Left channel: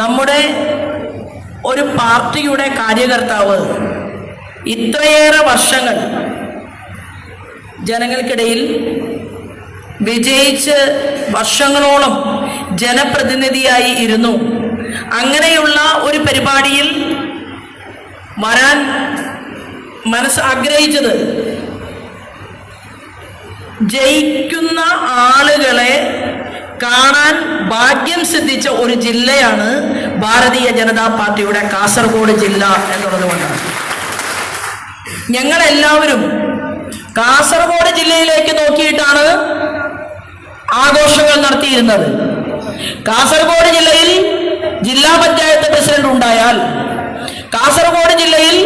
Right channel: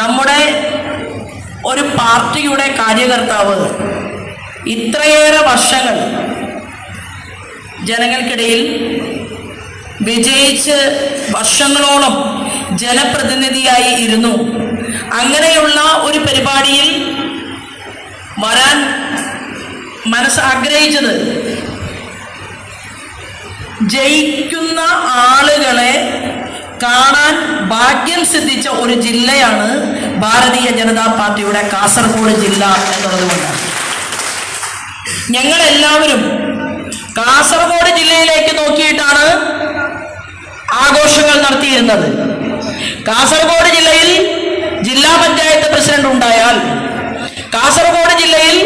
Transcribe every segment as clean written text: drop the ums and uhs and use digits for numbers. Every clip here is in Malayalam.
നമ്മുടെ ഒരു പാർട്ടിയുടെ കാര്യകർത്താവ് ഇത്രയേറെ വർഷങ്ങൾ ജനങ്ങൾക്കിടയിൽ വിജയിച്ച് വർഷങ്ങളോളം ജനപ്രതിനിധിയായി ഇരുന്നു. അങ്ങനെയുള്ള ഒരു പരിപാടിയിൽ വരാൻ ആഗ്രഹിച്ചത് ജയിക്കുന്ന ആളുകളെ കാണാൻ ഭാഗ്യം സിദ്ധിച്ച ഒരു ജില്ലയാണ് ഭാരതീയ ജനതാ പാർട്ടിയുടെ കാസർഗോഡ് ജില്ല എന്നതുകൊണ്ടാണ്. ഞങ്ങളെല്ലാവരും കാസർഗോഡ് ജില്ലയിലേക്ക് നോക്കിയിട്ടാണ് ആഘോഷങ്ങൾ നടത്തിയിരുന്നത്. കാസർഗോഡ് ജില്ലയിൽ ജില്ലാ പഞ്ചായത്ത് പ്രസിഡന്റ് ഉണ്ടായാൽ, കാസർഗോഡ് ജില്ലയിൽ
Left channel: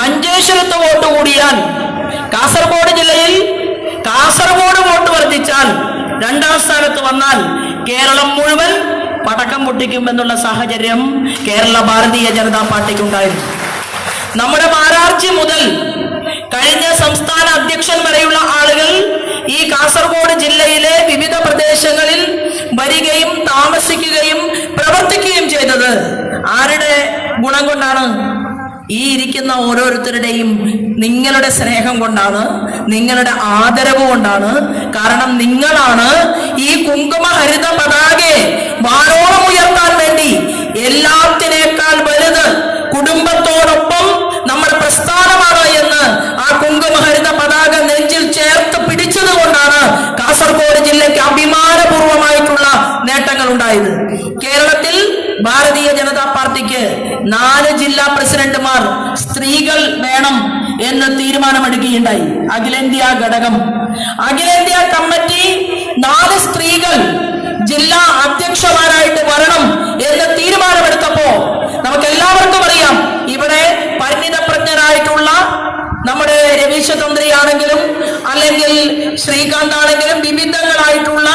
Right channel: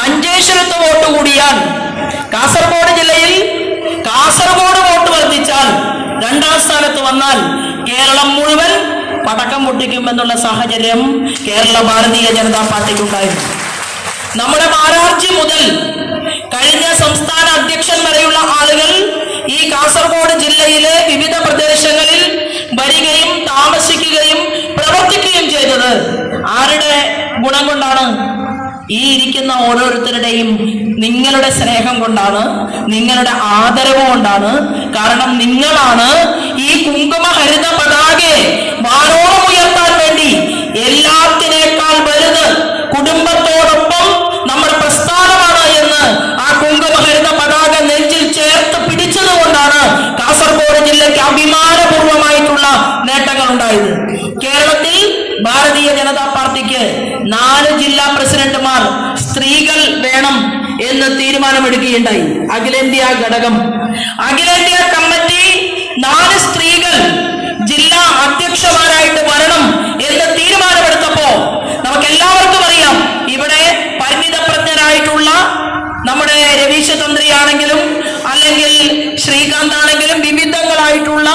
മഞ്ചേശ്വരത്ത് വോട്ട് കൂടിയാൽ, കാസർഗോഡ് ജില്ലയിൽ കാസർഗോഡ് വോട്ട് വർദ്ധിച്ചാൽ, രണ്ടാം സ്ഥാനത്ത് വന്നാൽ കേരളം മുഴുവൻ പടക്കം പൊട്ടിക്കുമെന്നുള്ള സാഹചര്യം കേരള ഭാരതീയ ജനതാ പാർട്ടിക്കുണ്ടായിരുന്നു. നമ്മുടെ മാരാർജി മുതൽ കഴിഞ്ഞ സംസ്ഥാന അധ്യക്ഷൻ വരെയുള്ള ആളുകൾ ഈ കാസർഗോഡ് ജില്ലയിലെ വിവിധ പ്രദേശങ്ങളിൽ വരികയും താമസിക്കുകയും പ്രവർത്തിക്കുകയും ചെയ്തത് ആരുടെ ഗുണം കൊണ്ടാണ്? ഈ ഇരിക്കുന്ന ഓരോരുത്തരുടെയും നിങ്ങളുടെ സ്നേഹം കൊണ്ടാണ്, നിങ്ങളുടെ ആദരവ് കൊണ്ടാണ്. കാരണം നിങ്ങളാണ് ഈ കുങ്കുമഹരിത പതാകയെ വാനോളം ഉയർത്താൻ വേണ്ടി എല്ലാത്തിനേക്കാൾ വലുത് കുടുംബത്തോടൊപ്പം നമ്മുടെ പ്രസ്ഥാനമാണ് എന്ന് ആ കുങ്കുമഹരിത പതാക നെഞ്ചിൽ ചേർത്ത് പിടിച്ചത് കൊണ്ടാണ് കാസർഗോഡ് ജില്ലയ്ക്ക് അഭിമാനപൂർവമായിട്ടുള്ള നേട്ടങ്ങൾ ഉണ്ടായത്. കേരളത്തിൽ ഭാരതീയ ജനതാ പാർട്ടിക്ക് 4 ജില്ലാ പ്രസിഡന്റുമാർ സ്ത്രീകൾ വേണം എന്ന് തീരുമാനമെടുക്കുകയുണ്ടായി. അഖിലേന്ത്യാ ഘടകം, അഖിലേന്ത്യാ കമ്മിറ്റി 4 സ്ത്രീകൾ ജില്ലാ അധ്യക്ഷന്മാരായിട്ട് വരണം എന്ന് തീരുമാനമെടുത്തപ്പോ നമുക്ക് എല്ലാവർക്കും അറിയാം, ഇവിടെ പരിണിതപ്രജ്ഞരായിട്ടുള്ള നമ്മുടെ രവീശ തന്ത്രിയാണെങ്കിലും അല്ലെങ്കിൽ ശ്രീകാന്ത് ആണെങ്കിലും വിവിധങ്ങളായിട്ടുള്ള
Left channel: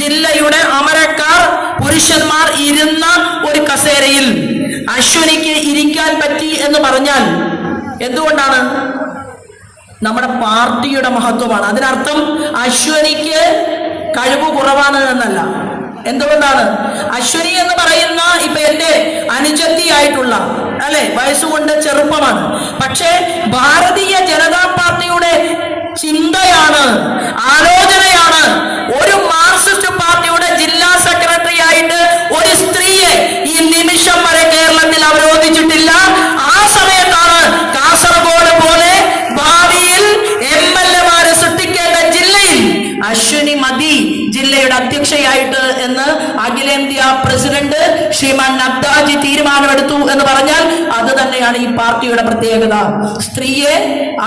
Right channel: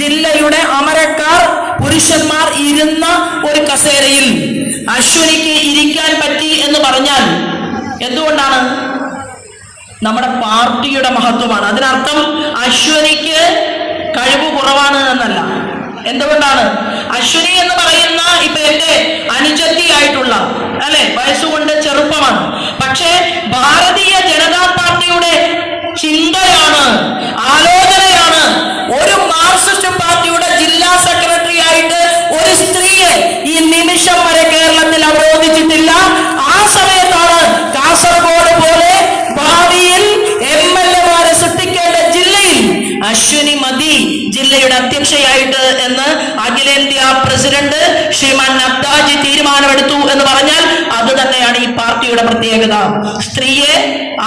ജില്ലയുടെ അമരക്കാർ പുരുഷന്മാർ ഇരുന്ന ഒരു കസേരയിൽ അശ്വനിക്ക് ഇരിക്കാൻ പറ്റി എന്ന് പറഞ്ഞാൽ എന്തുകൊണ്ടാണ്? നമ്മുടെ പാർട്ടിയുടെ മഹത്വമാണ്. അതിനർത്ഥം അശ്വനിക്ക് കഴിവ് കുറവാണ് എന്നല്ല. എന്തുകൊണ്ടാണ്? അശ്വനി എന്ന് പറയുന്ന ഇപ്പൊ എന്റെ അനുജത്തിയായിട്ടുള്ള അല്ലെ, വയസ്സുകൊണ്ട് ചെറുപ്പമാണ്. പക്ഷേ ഭാരതീയ ജനതാ പാർട്ടിയുടെ ചിന്തയാണ്, ആലോചനയാണ് ഒരു മാർക്സിസ്റ്റ് പാർട്ടിയുടെ ജില്ലാ സെക്രട്ടറി ആയിട്ട് ഒരു സ്ത്രീയെ ഈ നിമിഷം വരെ കേരളത്തിൽ അവരോധിച്ചിട്ടില്ല. ആ സമയത്താണ് കാസർഗോഡ് പോലെ ഭാവിയിൽ MLA-മാരെ സൃഷ്ടിക്കേണ്ട ജില്ലയിൽ അശ്വിനി മതി ജില്ലയുടെ അധ്യക്ഷയായിട്ട് എന്ന് അഖിലേന്ത്യാ പ്രസിഡന്റ് ശ്രീമാൻ നദ്ദാജി തീരുമാനമെടുത്തു എന്ന് പറഞ്ഞാൽ അത് തന്നെയാണ് ഈ പാർട്ടിയുടെ പ്രത്യേകത. സ്ത്രീയെ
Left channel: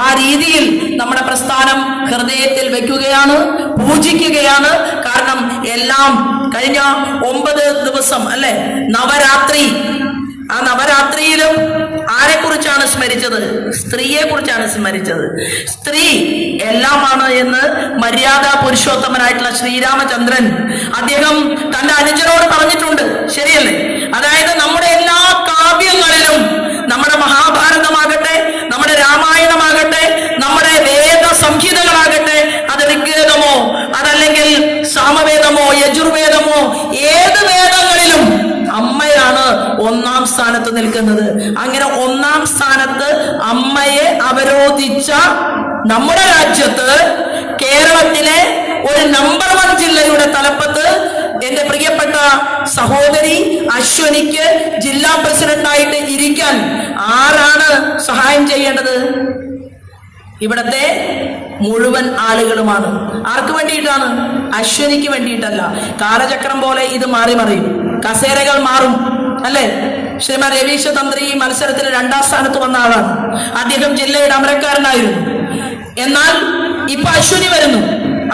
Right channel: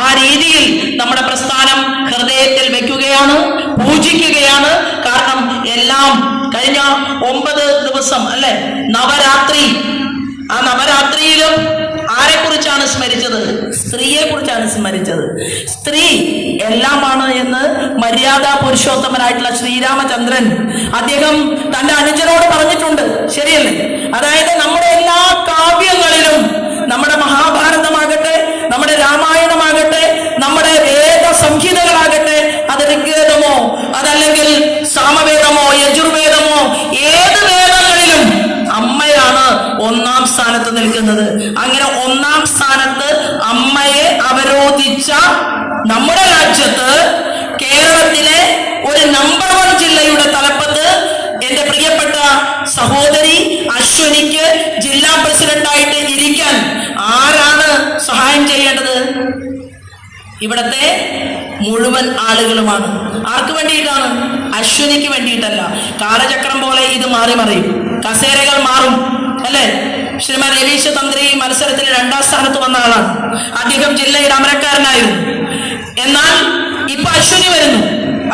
ആ രീതിയിൽ നമ്മുടെ പ്രസ്ഥാനം ഹൃദയത്തിൽ വെക്കുകയാണ്, പൂജിക്കുകയാണ്. കാരണം എല്ലാം കഴിഞ്ഞ 9 ദിവസം അല്ലെ, നവരാത്രി, ആ നവരാത്രിയിലും ആരെ കുറിച്ചാണ് സ്മരിച്ചത്? സ്ത്രീയെ കുറിച്ചാണ് സ്മരിച്ചത്. സ്ത്രീ എല്ലാമാണ് എന്ന് മര്യാദ പുരുഷോത്തമനായിട്ടുള്ള ശ്രീരാമചന്ദ്രൻ അദ്ദേഹം തന്റെ അനുജനോട് പറഞ്ഞിട്ടുണ്ട്. ശരിയല്ലേ? അതായത് നമ്മുടെ എല്ലാ കാവ്യങ്ങളിലും, നമ്മുടെ മഹാഭാരതമാകട്ടെ, നമ്മുടെ രാമായണമാകട്ടെ, നമ്മുടെ വേദ സംഹിതകളാകട്ടെ, അത് ഋഗ്വേദമോ അതല്ലെങ്കിൽ സാമവേദമോ യജുർവേദമോ ഏത് വേദങ്ങളിലും അമ്മയാണ് 1-ാം സ്ഥാനത്ത് നിൽക്കുന്നത്. അങ്ങനെ 1-ാം സ്ഥാനത്ത് അമ്മയെ അവരോധിച്ച നമ്മുടെ രാജ്യത്ത്, കേരളത്തിലെ ഒരു നമ്പർ 1 ജില്ലയുടെ തലപ്പത്ത് എന്റെ പ്രിയപ്പെട്ട സഹോദരി അശ്വനിക്ക് ജില്ലാ പ്രസിഡന്റായിട്ട് ഇരിക്കാൻ ആരാണ് സഹായം ചെയ്യേണ്ടത്? ഇവിടത്തെ മുഴുവൻ ആളുകളുമാണ്. ആർക്ക് വേണ്ടിയിട്ടാണ്? അശ്വനിക്ക് വേണ്ടിയിട്ടല്ല. കാലചക്രം പോലെ ഇത് മാറി മറിയും, കസേരകൾ മാറും അല്ലെ. ശ്രീമാൻ രവീശ തന്ത്രി മത്സരത്തിൽ 2-ാം സ്ഥാനത്ത് വന്ന ആളാണ്. അദ്ദേഹം ജില്ലയുടെ അമരക്കാരനായിരുന്നു. എന്നാൽ ഇപ്പൊ അശ്വനി വരുന്നു,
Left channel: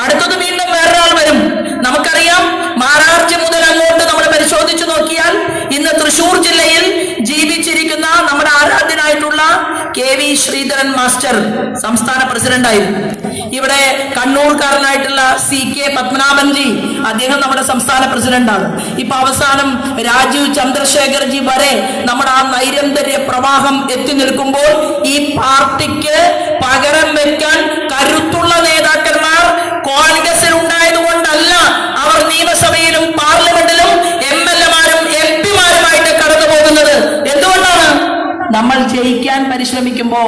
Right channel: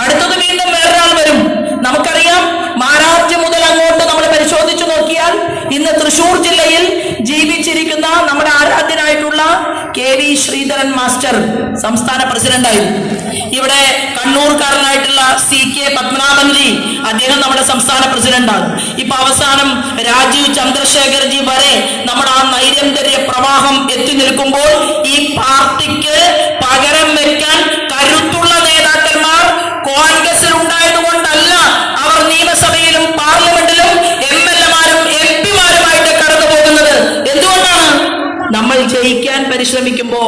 അടുത്തത് വീണ്ടും വേറൊരാൾ വരും. നമുക്കറിയാം, മാരാർജി മുതൽ അങ്ങോട്ട് നമ്മൾ പരിശോധിച്ചു നോക്കിയാൽ ഇന്ന് തൃശൂർ ജില്ലയിൽ ജീവിച്ചിരിക്കുന്ന നമ്മുടെ ആരാധ്യനായിട്ടുള്ള KV ശ്രീധരൻ മാസ്റ്റർ സംസ്ഥാന പ്രസിഡന്റായിരുന്നു. ഇവിടെ കണ്ണൂർക്കാരനായിട്ടുള്ള CK പത്മനാഭൻജി അദ്ദേഹം നമ്മുടെ സംസ്ഥാന പ്രസിഡന്റാണ്. ഇപ്പൊ അവസാനം രാജീവ് ചന്ദ്രശേഖർജി വരെ നമ്മുടെ ആ നൈരന്തര്യ പ്രവാഹം എത്തി നിൽക്കുമ്പോൾ ഈ പാർട്ടിക്ക് പകരം വെക്കാൻ കരുത്തുള്ള നേതാക്കന്മാർ കോൺഗ്രസിൽ ഉണ്ടായതുകൊണ്ടല്ല അവർ നിയമസഭയിലും പാർലമെന്റിലും MLA-മാരും ജയിക്കാൻ പരിശ്രമിക്കുമ്പോ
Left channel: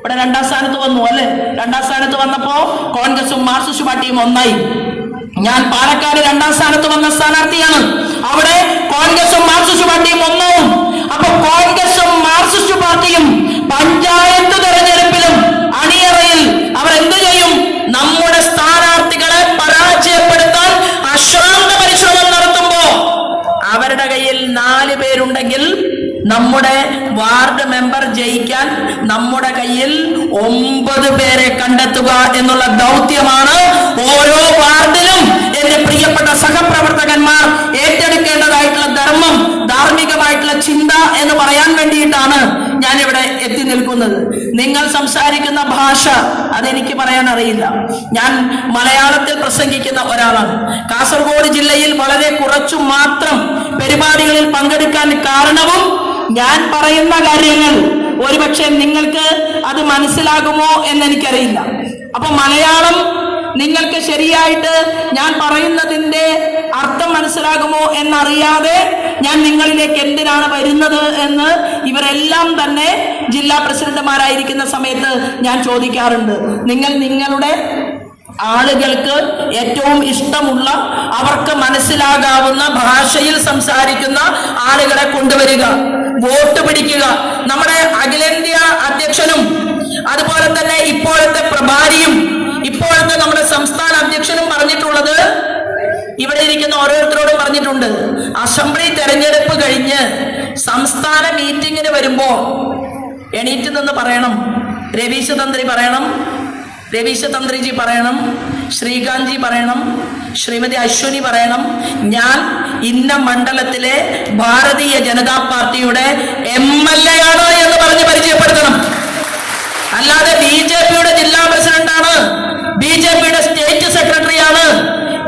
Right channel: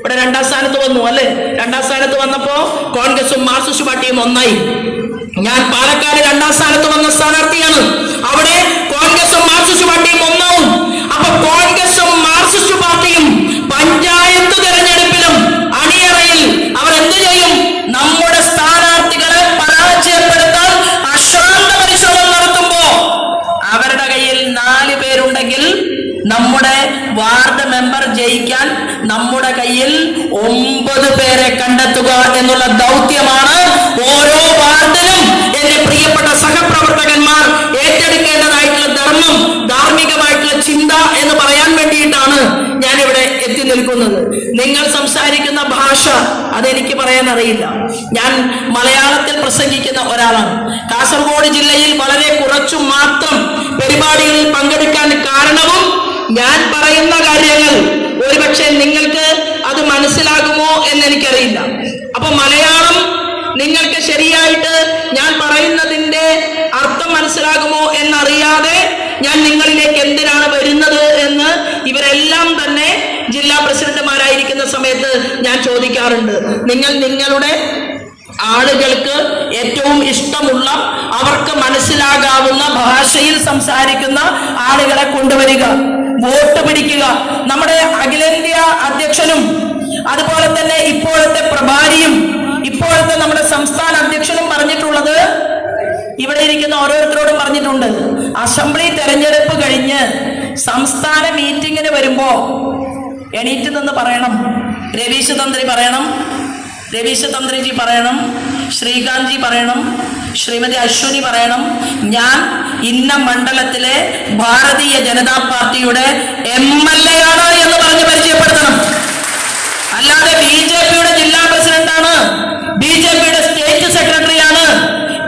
ഇവിടെ 2ാം സ്ഥാനത്ത് വന്നു അല്ലെ. 2ാം സ്ഥാനത്ത് വന്നപ്പോ കോൺഗ്രസും മാർക്സിസ്റ്റ് പാർട്ടിയും ഒന്നായി. ഞാൻ പാലക്കാട് 2ാം സ്ഥാനത്ത് വന്ന സ്ഥാനാർത്ഥിയാണ്. അവിടെ കോൺഗ്രസും മാർക്സിസ്റ്റ് പാർട്ടിയും ഒന്നാവും. അപ്പൊ കോൺഗ്രസും മാർക്സിസ്റ്റ് പാർട്ടിയും പഞ്ചായത്ത് തെരഞ്ഞെടുപ്പിലും അണിയറയിൽ അവർ എന്ത് ചെയ്യും? നമ്മുടെ സ്ഥാനാർത്ഥികളെ പരാജയപ്പെടുത്താൻ അശ്രാന്ത പരിശ്രമം നടത്തുമ്പോ അവരുടെ കയ്യിൽ 4 പേരുണ്ടെങ്കിൽ നമ്മുടെ വാർഡ് മെമ്പർ ജയിക്കാൻ നമ്മുടെ കയ്യിൽ 9 പേരെ കണ്ടെത്തുക എന്നുള്ള ദൗത്യമാണ് ഓരോ വാർഡിലും എന്റെ പ്രിയപ്പെട്ട സഹപ്രവർത്തകന്മാർ ഏറ്റെടുക്കേണ്ടതായിട്ടുള്ള ധർമ്മം, ധാർമ്മികമായിട്ടുള്ള ചിന്ത എന്ന് പറയാൻ വേണ്ടിയിട്ടാണ് ഞാനിവിടെ എത്തി നിൽക്കുന്നത്. നിങ്ങൾ സംസാരിക്കുന്ന ഭാഷ അതെനിക്ക് പറയാൻ അറിയില്ല. ഞാൻ മലയാളത്തിൽ പ്രസംഗിക്കുന്ന ഒരാളാണ്. കാസർഗോഡ് ജില്ലയിൽ വളരെ കുറച്ചു മാത്രം പരിപാടികളിൽ പങ്കെടുക്കാൻ കാരണവും ഞാൻ പറയുന്ന കാര്യങ്ങൾ ഒരുപക്ഷെ നിങ്ങൾക്ക് അത് മനസ്സിലാകുമോ എന്ന് എനിക്കറിയില്ല. അപ്പൊ മലയാളം നിങ്ങൾക്ക് ശരിയായിട്ട് ഞാൻ പറയുന്നതിന്റെ അർത്ഥം മനസ്സിലാകുമോ എന്നറിയാതെ ഞാൻ നിങ്ങളിലേക്ക് എന്തിനാണ് വരുന്നത് എന്ന് ഇവരെല്ലാം തന്നെ ജില്ലാ പ്രസിഡന്റുമാരായിരിക്കുന്ന സമയത്ത് ഞാൻ ചോദിക്കാറുണ്ട്. നിങ്ങൾ നിങ്ങളുടെ ആളുകൾക്ക് ഏറ്റവും ഇഷ്ടമുള്ള, അവർക്ക് മനസ്സിലാകാവുന്ന ഭാഷയിൽ സംസാരിക്കുന്ന ആളുകളെ കൊണ്ടുവരിക, വോട്ട് പിടിക്കുക. നമ്മുടെ അഖിലേന്ത്യാ അധ്യക്ഷനും അതുപോലെ തന്നെ ഇപ്പോഴത്തെ പ്രഭാരിയും ഇപ്പോഴത്തെ നമ്മുടെ സംസ്ഥാന അധ്യക്ഷനും പറഞ്ഞിട്ടുള്ളത്, ഇവിടെ ഇരിക്കുന്ന ഓരോരുത്തരോടും പറഞ്ഞിട്ടുണ്ട്, അസംബ്ലി തെരഞ്ഞെടുപ്പ് കഴിഞ്ഞ് സംസ്ഥാന മീറ്റിങ്ങിന് വരുമ്പോ എണീറ്റ് നിന്ന് പറയണം, രവീശ് തന്ത്രി പറയണം, രവീശ് തന്ത്രിജി പറയണം, ശ്രീകാന്ത് ജി പറയണം, ശ്രീമതി അശ്വിനി പറയണം, ഞാൻ ഇന്ന മണ്ഡലത്തിലെ ഭാരതീയ ജനതാ പാർട്ടിയുടെ MLA ആണ് എന്ന് പറഞ്ഞ് പരിചയപ്പെടുത്തണം. അല്ലാതെ BJPയുടെ ജില്ലാ പ്രസിഡന്റാണ്, BJPയുടെ സ്റ്റേറ്റ് സെക്രട്ടറിയാണ്,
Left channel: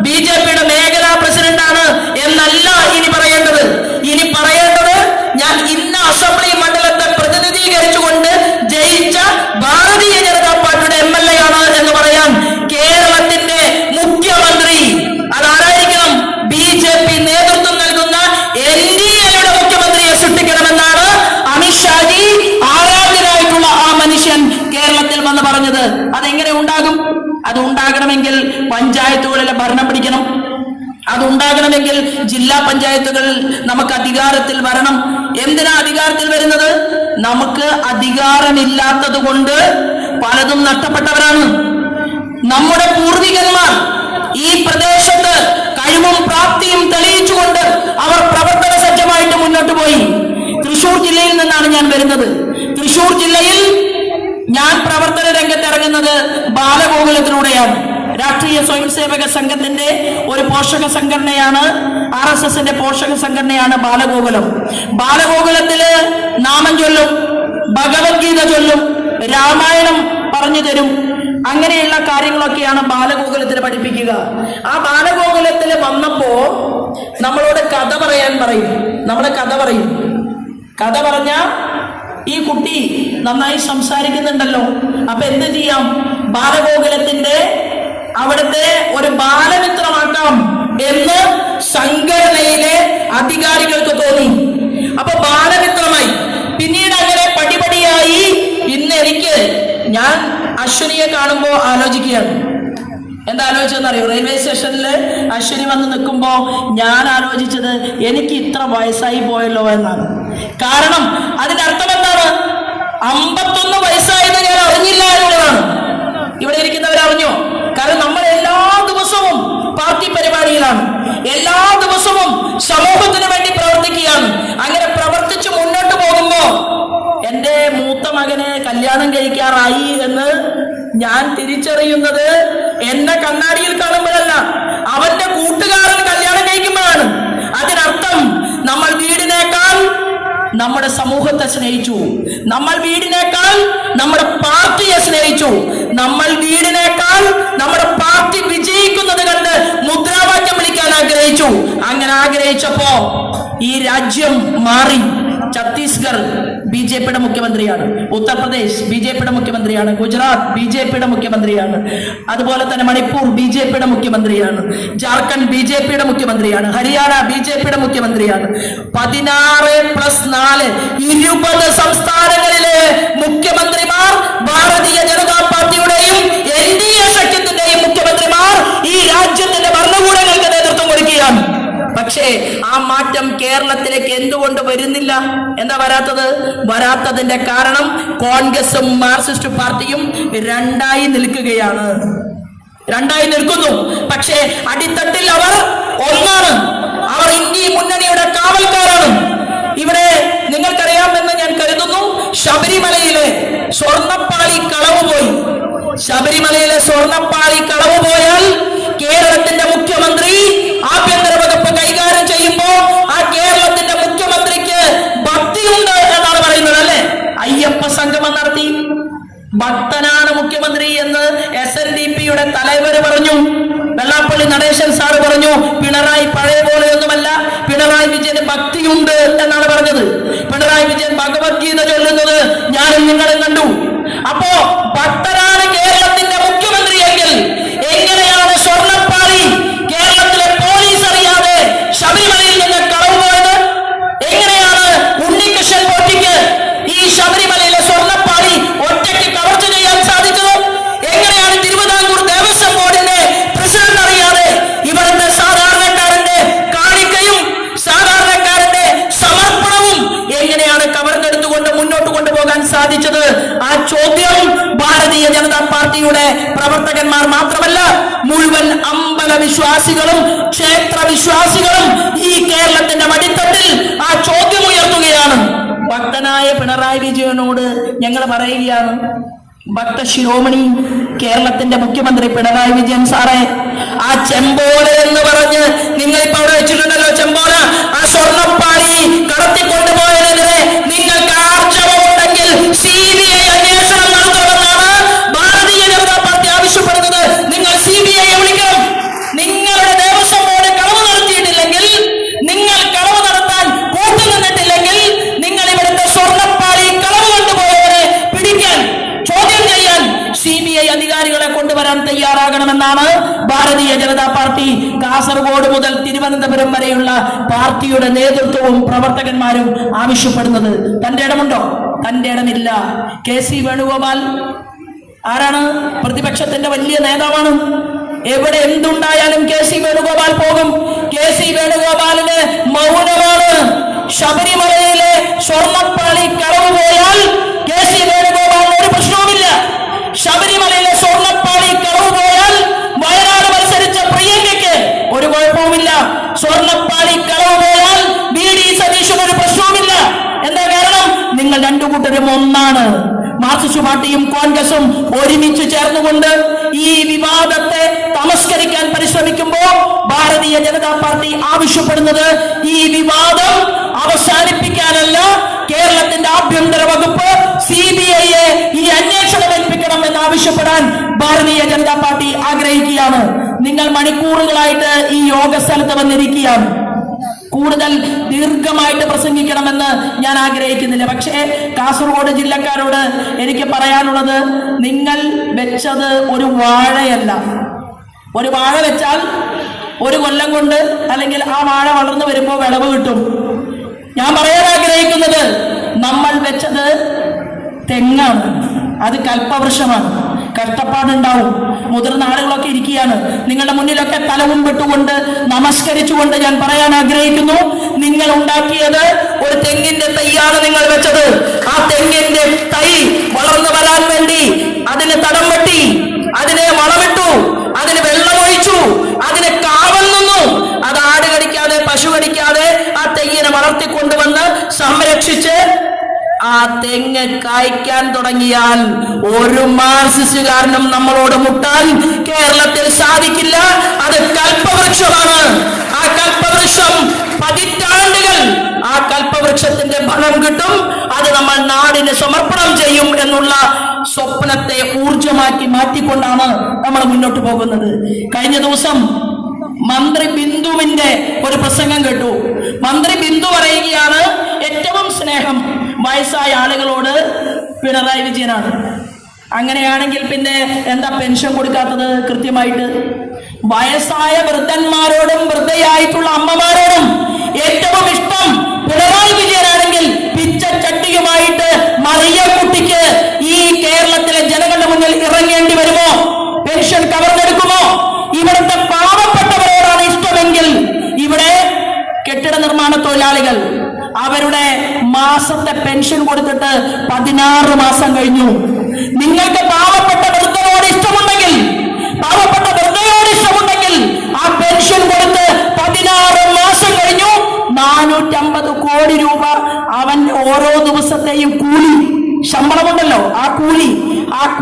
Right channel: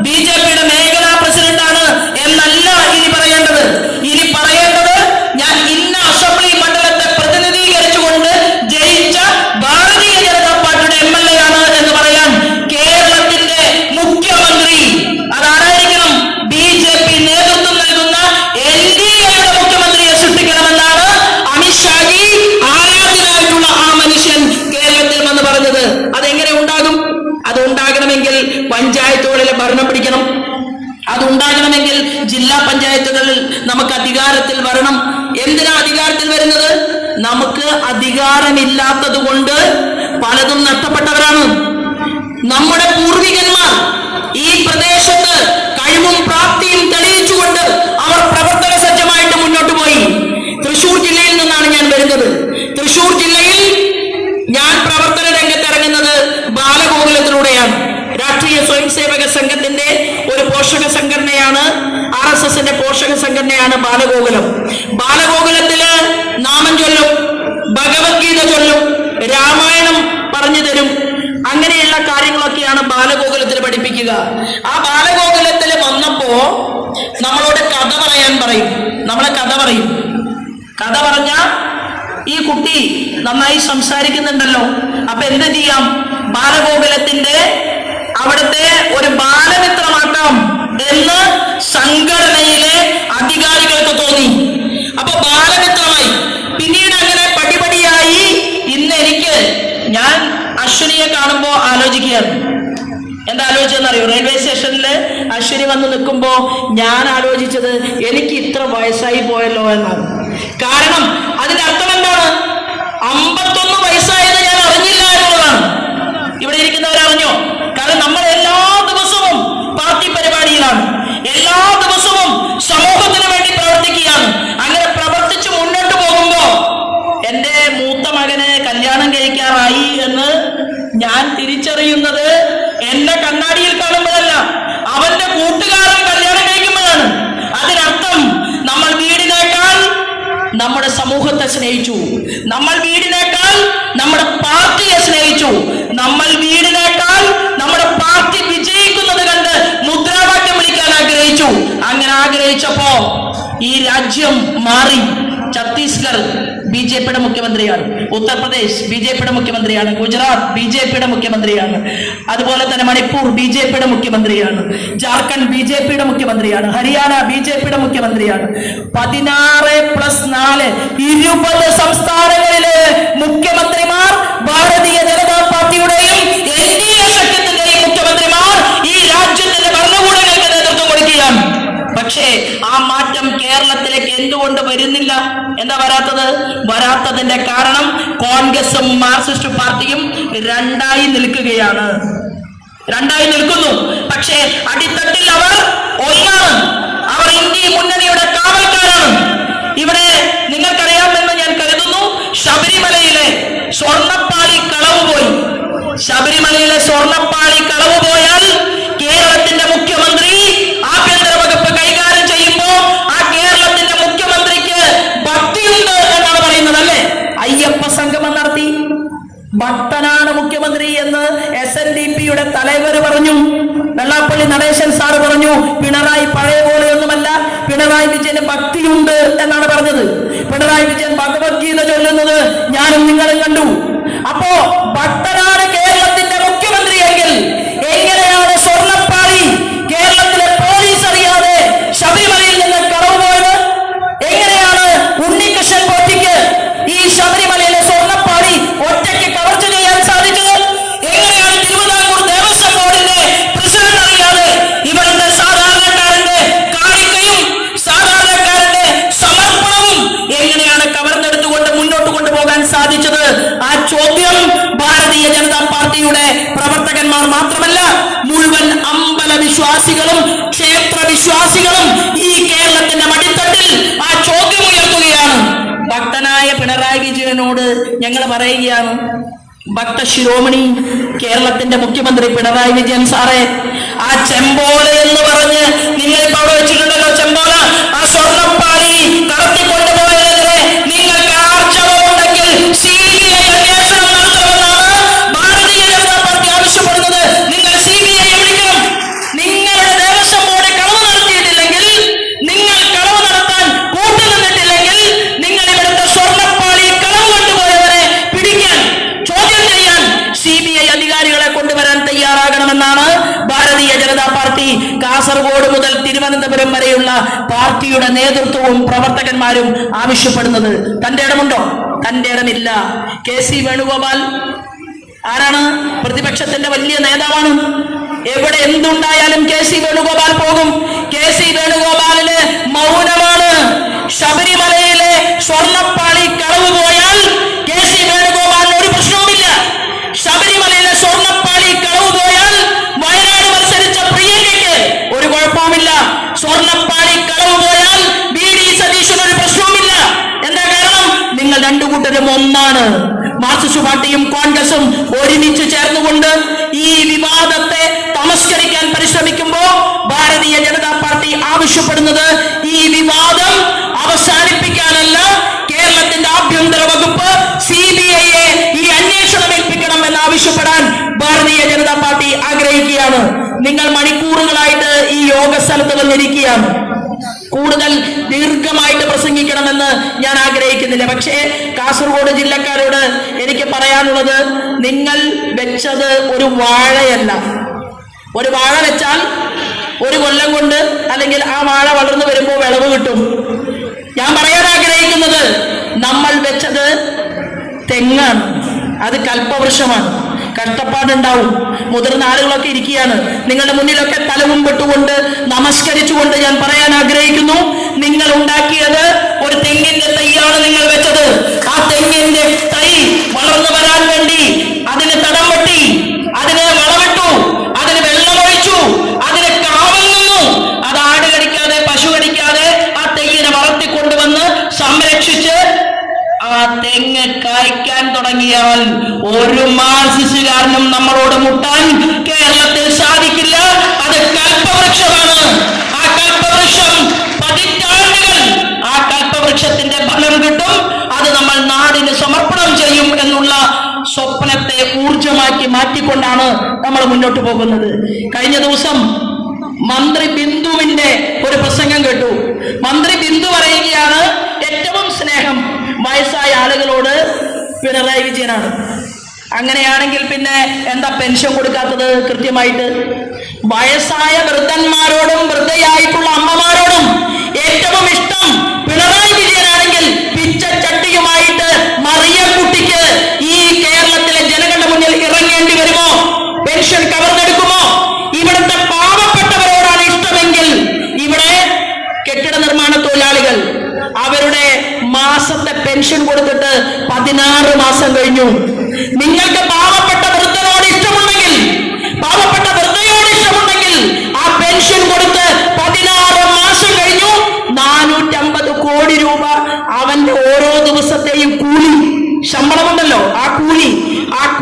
BJPയുടെ മേഖലാ പ്രസിഡന്റാണ് എന്നല്ല ഇനി പറയേണ്ടത്. ഇനി പറയേണ്ടത് ഞാൻ ഇന്ന അസംബ്ലി മണ്ഡലത്തെ പ്രതിനിധീകരിച്ചുകൊണ്ട് ജയിച്ച ഭാരതീയ ജനതാ പാർട്ടിയുടെ MLA ആണ് എന്ന് പറയാൻ കേരളത്തിന്റെ മുഖ്യമന്ത്രി അതാരായിരിക്കണം? BJP നേതൃത്വം നൽകുന്ന NDAയുടെ മുഖ്യമന്ത്രിയെ സൃഷ്ടിക്കണമെന്നാണ് അമിത്ഷാജി ആരാധ്യനായിട്ടുള്ള ആ മനുഷ്യൻ കേരളത്തിൽ വന്ന് പറഞ്ഞത്. അതെങ്ങനെ ഉണ്ടാകും? അത് ഉണ്ടാകണമെങ്കിൽ പഞ്ചായത്തുകളിലെ ഭരണം പിടിക്കണം. അതുണ്ടാകണമെങ്കിൽ ജില്ലാ പഞ്ചായത്തുകൾ നമുക്ക് അധികാരത്തിൽ വരണം. എന്തിനാ അധികാരത്തിൽ വരുന്നത്? നമുക്ക് അധികാരമില്ലാത്തത് കൊണ്ട് പലതും നഷ്ടപ്പെട്ടവരാണ്. നമ്മുടെ പൂർവികന്മാർ ഈ പ്രദേശത്ത് കഴിവും പ്രാപ്തിയും തെളിയിച്ചുകൊണ്ട് അവർ പ്രവർത്തന സജ്ജമായിട്ട് മുന്നോട്ട് പോയി. തൃശൂർ ജില്ലയിൽ നിന്നാണ് ഞാൻ വരുന്നത്. തൃശൂർ ജില്ലയിൽ ഞാൻ പ്രവർത്തന രംഗത്ത് ഇറങ്ങുന്നത് ബാലഗോകുലത്തിലൂടെയാണ്. രാഷ്ട്രീയ സ്വയം സേവക സംഘത്തിന്റെ ഒരു പോഷക സംഘടനയാണ്, RSSന്റെ പോഷക സംഘടനയാണ് ബാലഗോകുലം. ബാലഗോകുലത്തില് നാമം ചൊല്ലും, ഭഗവത്ഗീത ചൊല്ലും, രാമായണം പറഞ്ഞു തരും. അങ്ങനെയുള്ള കാര്യങ്ങളൊക്കെയാണ് ബാലഗോകുലത്തിൽ പഠിപ്പിക്കുക. ആ ബാലഗോകുലത്തിൽ വന്നപ്പോ നമ്മളോട് കഥ പറയാൻ പറയും. നമ്മളെ കഥ പറയും. കഥ പറഞ്ഞ ഈ കുട്ടി നന്നായി സംസാരിക്കുന്നുണ്ടല്ലോ, അപ്പൊ എന്ത് ചെയ്യാം? ബാലഗോകുലത്തിന്റെ അവിടുത്തെ ഒരു ബാലമിത്രമാക്കാം എന്ന് സംഘടനയിലെ അധികാരികൾക്ക് തോന്നി. അപ്പൊ ബാലമിത്രമായി. പിന്നീട് അങ്ങനെ പടിപടിയായി ഇന്ന് എനിക്ക്, ഞാൻ അശ്വിനിയെ കാണുമ്പോ ആലോചിക്കുകയാണ്. എന്താ ആലോചിച്ചെന്നറിയോ? റെയിൽവേ സ്റ്റേഷനില് അശ്വിനി വന്ന് നിൽക്കുമ്പോ ഞാൻ ആലോചിച്ചത് എനിക്ക് ഇത്ര വയസ്സായി പോയല്ലോ എന്നാണ്. കാരണം അതിന്റെ അർത്ഥം എന്താണ്? 51 വയസ്സായത് ഞാൻ അറിഞ്ഞില്ല എന്നുള്ളതാണ്. ഇവിടെ ഇരിക്കുന്നവരറിഞ്ഞോ? കാരണം നമ്മൾ എല്ലാ ദിവസവും പാർട്ടി പരിപാടിയിലാണ്, എല്ലാ ദിവസവും സമൂഹത്തിന് വേണ്ടി പ്രവർത്തിക്കുകയാണ്. അങ്ങനെ പ്രവർത്തിച്ച് മുന്നോട്ട് പോകുമ്പോ എന്റെ മൂത്ത മകന് കല്യാണം കഴിക്കാറായി എന്ന് ഞാൻ തിരിച്ചറിയുന്നത് എന്നെ കണ്ണാടിയിൽ കാണുമ്പോഴല്ല, അവന്റെ കൂട്ടുകാരൻ കല്യാണം കഴിക്കുമ്പോഴാണ്. അതിനർത്ഥം നമ്മൾ വീടിനേക്കാൾ നമ്മുടെ സമൂഹത്തെ സ്നേഹിച്ചു, നമ്മൾ വീടിനേക്കാൾ നമ്മുടെ പാർട്ടിയെ സ്നേഹിച്ചു, നമ്മൾ വീടിനേക്കാൾ നമ്മുടെ പാർട്ടി വിജയിക്കുന്നത് കണ്ട് മുദ്രാവാക്യം വിളിക്കാൻ ആഗ്രഹിച്ചു. അങ്ങനെ ആഗ്രഹിച്ചപ്പോ ഈ രാജ്യം മാറി. ഛത്തീസ്ഗഡ് BJPയുടെ മുഖ്യമന്ത്രിയാണ്, ഉത്തർപ്രദേശ് BJPയുടെ മുഖ്യമന്ത്രിയാണ്, ഗുജറാത്ത് BJPയുടെ മുഖ്യമന്ത്രിയാണ്, അതുപോലെ തന്നെ മണിപ്പൂർ BJPയുടെ മുഖ്യമന്ത്രിയാണ്, ജാർഖണ്ഡ് BJPയുടെ മുഖ്യമന്ത്രിയാണ്, ഹരിയാന BJPയുടെ മുഖ്യമന്ത്രിയാണ്. 16+4 20 സംസ്ഥാനങ്ങളിലെ കേരളത്തിലേക്ക് എന്തുകൊണ്ട് വരുന്നില്ല? എന്താ വരാത്തതിന്റെ കാരണം കോൺഗ്രസും മാർക്സിസ്റ്റ് പാർട്ടിയും രണ്ടായി നിൽക്കുകയാണ്. രണ്ടായി നിൽക്കുന്നു. പക്ഷേ അടിത്തട്ടിൽ അവർ ഒന്നാണ്. അവർ ഇന്ത്യ മുന്നണിയുടെ കാവൽക്കാരാണ്. ഇവിടെ നിങ്ങൾക്കറിയാമെന്ന് ഞാൻ കരുതുന്നു, ശബരിമലയിലെ സ്വർണ്ണപ്പാളി കളവ് പോയി. ശബരിമലയിലെ സ്വർണ്ണപ്പാളി കളവ് പോയാൽ കേരളത്തിന്റെ മുഖ്യമന്ത്രി ആഭ്യന്തര വകുപ്പ് കൈകാര്യം ചെയ്യുമ്പോൾ ആ കേരളത്തിന്റെ മുഖ്യമന്ത്രിക്ക് ഭക്തിയുണ്ട് എന്നാണ് പറയുന്നത്, അല്ലെ? അയ്യപ്പ സംഗമം നടത്തി. ഭക്തനാണ് മുഖ്യമന്ത്രി എന്ന് SNDPയുടെ തലവര് പറഞ്ഞു. വെള്ളാപ്പള്ളി നടേശൻ സാറ് പറഞ്ഞു പിണറായി പഴയ പോലെയൊന്നുമല്ല, പിണറായി വിജയന് ഭക്തിയുണ്ട് എന്നാണ് പറഞ്ഞത്. പിണറായി വിജയൻ ഭഗവത്ഗീത ചൊല്ലുന്നത് ഞാനും നിങ്ങളും കണ്ടു. അപ്പോ ഭക്തനാണ് കേരളത്തിന്റെ മുഖ്യമന്ത്രിയെങ്കിൽ എങ്ങനെയാണ് സ്വർണ്ണപ്പാളി കേരളത്തിലെ പോലീസ് അറിയാതെ ശബരിമലയിൽ നിന്ന് കളവ് പോയത്? എങ്ങനെയാണ് ഉണ്ണികൃഷ്ണൻ പോറ്റിക്ക് ഈ ശബരിമലയിലെ സ്വർണ്ണപ്പാളി ഒറ്റയ്ക്ക് കവർച്ച ചെയ്യാൻ സാധിച്ചത്? എങ്ങനെയാണ് തിരുവിതാംകൂർ ദേവസ്വം ബോർഡിന്റെ പ്രസിഡന്റ് അറിയാതെ ഇവിടുത്തെ സാധാരണക്കാരന്റെ കാണിക്കയും സാധാരണക്കാരന്റെ സമർപ്പണവും എങ്ങനെയാണ് കവർന്നെടുത്തുകൊണ്ട് മുന്നോട്ട് കൊണ്ടുപോകാൻ സാധിച്ചത്? ആ ചോദ്യം ഭാരതീയ ജനതാ പാർട്ടിയുടെ പ്രവർത്തകന്മാർ മാത്രമല്ല, മുഴുവൻ അമ്പല വിശ്വാസികളും ക്ഷേത്ര വിശ്വാസികളും ഈ കേരളത്തിന്റെ മടിത്തട്ടിൽ ആ ചോദ്യം ഉയർത്തുകയാണ്. ഭക്തനായ പിണറായി വിജയനോട് ഞങ്ങൾ പറയുകയാണ്, ഭക്ത ശിരോമണി കേരളത്തിന്റെ മുഖ്യമന്ത്രി പിണറായി വിജയൻ സാറേ, ആ ചെമ്പോല എന്ന് പറഞ്ഞ് നിങ്ങൾ ഇപ്പൊ അവിടെ വെച്ചിട്ടുണ്ടല്ലോ, ചെമ്പോല, ആ സ്വർണ്ണപ്പാളി കടത്തിക്കൊണ്ടുപോയതിനെതിരെ നിങ്ങൾക്ക് ആർജവമുണ്ടെങ്കിൽ CBI അന്വേഷണം നടത്തണമെന്നാണ് ഭാരതീയ ജനതാ പാർട്ടി ആവശ്യപ്പെടുന്നത്. നിങ്ങൾ CBI വിളിക്കണം. നിങ്ങളുടെ ദേവസ്വം ബോർഡ് കളവ് നടത്തിയിട്ടില്ലെങ്കിൽ, നിങ്ങൾ കളവ് നടത്താൻ കൂട്ടി നിന്നിട്ടില്ലെങ്കിൽ, നിങ്ങൾ ഇവിടുത്തെ സ്വർണ്ണപ്പാളി കളവ് കൊണ്ടുപോയവരെ പിടിക്കാൻ, ചോദ്യം ചെയ്യാൻ CBI അധികാരികളെ കൊണ്ടുവരാൻ തയ്യാറാകണമെന്നാണ് ഭാരതീയ ജനതാ പാർട്ടി കാസർഗോഡ് മുതൽ തിരുവനന്തപുരം വരെയുള്ള പാർട്ടിയുടെ നേതൃത്വവും പ്രവർത്തകന്മാരും ആവശ്യപ്പെടുന്നത്. തന്റെ ഇടമുണ്ടോ? തന്റെ ഇടമില്ല. KC വേണുഗോപാൽ ആരാണ്? പ്രതിപക്ഷത്തിന്റെ വലിയ നേതാവാണ്. എവിടെ എന്തുണ്ടായാലും KC വേണുഗോപാൽ പോകും. KC വേണുഗോപാലിന് മൗനമാണ്. ശബരിമലയിലെ സ്വർണ്ണപ്പാളി കളവ് പോയാൽ KC വേണുഗോപാലിന് ഒരു പ്രശ്നവുമില്ല. ശബരിമലയിലെ സ്വർണ്ണപ്പാളി കളവ് പോയാൽ വയനാട് മത്സരിച്ച പ്രിയങ്കയ്ക്ക് ഒരു കുഴപ്പവുമില്ല. സ്വർണ്ണപ്പാളി കളവ് പോയാൽ VD സതീശന് ഒരു പ്രശ്നവുമില്ല. എന്താ കാരണം? നിങ്ങൾ രണ്ടു കൂട്ടരും ഒന്നാണ്. മാർക്സിസ്റ്റ് പാർട്ടിയും കോൺഗ്രസും ഒരുമിച്ച് ചേർന്നുകൊണ്ട് ഈ വിവാദത്തെ തമസ്കരിക്കാൻ പരിശ്രമിക്കുമ്പോൾ ഭാരതീയ ജനതാ പാർട്ടി ആവശ്യപ്പെടുന്നത് ഈ വിവാദം അവസാനിപ്പിക്കാനല്ല, കേരളത്തിന്റെ ആഭ്യന്തര വകുപ്പ് CBIയെ ഈ അന്വേഷണം ഏൽപ്പിക്കണം എന്നാവശ്യപ്പെടാൻ ഭാരതീയ ജനതാ പാർട്ടി ആഗ്രഹിക്കുകയാണ്. നിങ്ങൾ മണിക്കൂറുകളായിട്ട് ഈ യോഗ സ്ഥലത്ത് വന്നിരിക്കുകയാണ്. കൂടുതൽ ദീർഘമായിട്ട് പ്രസംഗിക്കണമെന്ന് ഞാൻ ആഗ്രഹിക്കുന്നില്ല. പക്ഷേ കാസർഗോഡ് ജില്ലക്കാരോട് എനിക്ക് പറയാനുള്ളത്, നിങ്ങൾ വെച്ചത് ഒരു വാഴയല്ല. ഒരു വാഴ വെച്ചാൽ ഒരു കൊല്ലം കൊണ്ട് അല്ലെങ്കിൽ ആ വാഴ വളർന്നു വരുമ്പോൾ വിളവ് കിട്ടും. ഞാൻ പറയാൻ ആഗ്രഹിക്കുന്നത്, നമ്മൾ വെച്ചത് തെങ്ങാണ്. അത് കൽപ്പവൃക്ഷമാണ്. കഷ്ടപ്പാടുണ്ടാവും. മുതിർന്ന ആളുകളൊക്കെ ഇരിക്കുകയാണ്. നിങ്ങളുടെ മുന്നിലൊക്കെ തലവും പെട്ടുകൊണ്ട് നമസ്കരിച്ചുകൊണ്ട് ഞാൻ പറയാൻ ആഗ്രഹിക്കുന്നു, നിങ്ങൾ ഉണ്ടാക്കിയത് ഒരു തെങ്ങിന്റെ തൈയാണ് നിങ്ങൾ വെച്ചത്. ആ തെങ്ങിന്റെ തൈ വളർന്നു വരാൻ വേണ്ടി അതിന് തടം വെട്ടി, അതിനെ വളമിട്ടു, അതിന് വെള്ളമൊഴിച്ചു, അതിന് കാവൽ നിന്നു. അത് ആട് കടിക്കാതെ പശു കടിക്കാതെ ആ തെങ്ങിനെ വളർത്തിക്കൊണ്ടുവന്ന് സംരക്ഷിച്ച് ആ തെങ്ങ് കായ്ക്കാൻ തുടങ്ങിയാൽ ഒരു മാർക്സിസ്റ്റുകാരനും നമ്മളോട് മുട്ടാൻ കേരളത്തിൽ സാധിക്കില്ല. അത് കൽപ്പവൃക്ഷമാണ്. ആ കൽപ്പവൃക്ഷം പതിറ്റാണ്ടുകൾ ആ കൽപ്പവൃക്ഷത്തിന്റെ ഫലം കിട്ടും. അത് നമ്മൾ നാടിന് സമർപ്പണം ചെയ്യും എന്നുള്ള സ്വപ്നത്തെ ഊർജമാക്കി മാറ്റിക്കൊണ്ടാണ് നമ്മൾ മുന്നോട്ട് പോകുന്നത്. കഴിഞ്ഞ ദിവസം മന്ത്രി ബിന്ദുവിന്റെ ഒരു പ്രസംഗം കേട്ടു. മന്ത്രി ബിന്ദു പറയുകയാണ്, ഏറ്റവും സ്നേഹം വയസ്സായ ആളുകളോട് പിണറായി വിജയനാണ്. അങ്ങനെയാണെങ്കിൽ പിന്നെ എന്താ പെൻഷൻ കൊടുക്കാത്തത്? കൃത്യമായിട്ട് വയസ്സായ വൃദ്ധന്മാരോടും വൃദ്ധയായിട്ടുള്ള അമ്മമാരോടും ഏറ്റവും ഇഷ്ടം പിണറായി വിജയനാണെങ്കിൽ പിച്ചച്ചട്ടിയുമായിട്ട് മറിയക്കുട്ടിക്ക് ഈ കേരളത്തിലെ ജനങ്ങളുടെ മുന്നിൽ ഇറങ്ങേണ്ടി വരുമോ? പെൻഷൻ കവർന്നെടുക്കുമോ? ഇവിടുത്തെ പാവപ്പെട്ടവരോടാണ് ഇഷ്ടമെങ്കിൽ ഇവിടെ കെട്ടിട നിർമ്മാണ തൊഴിലാളികൾ, മാസത്തെ പെൻഷൻ കൊടുത്തിട്ട് 16 മാസം കഴിഞ്ഞു. നിങ്ങൾക്ക് പാവപ്പെട്ട വൃദ്ധയോട് ഇഷ്ടമുണ്ടെങ്കിൽ ആ പെൻഷൻ കൊടുത്ത് 16 മാസം കഴിഞ്ഞു. 450 കോടി രൂപ അവന്റെ ഓരോ ദിവസത്തെയും കൂലി, ശമ്പളമുണ്ടല്ലോ, ആ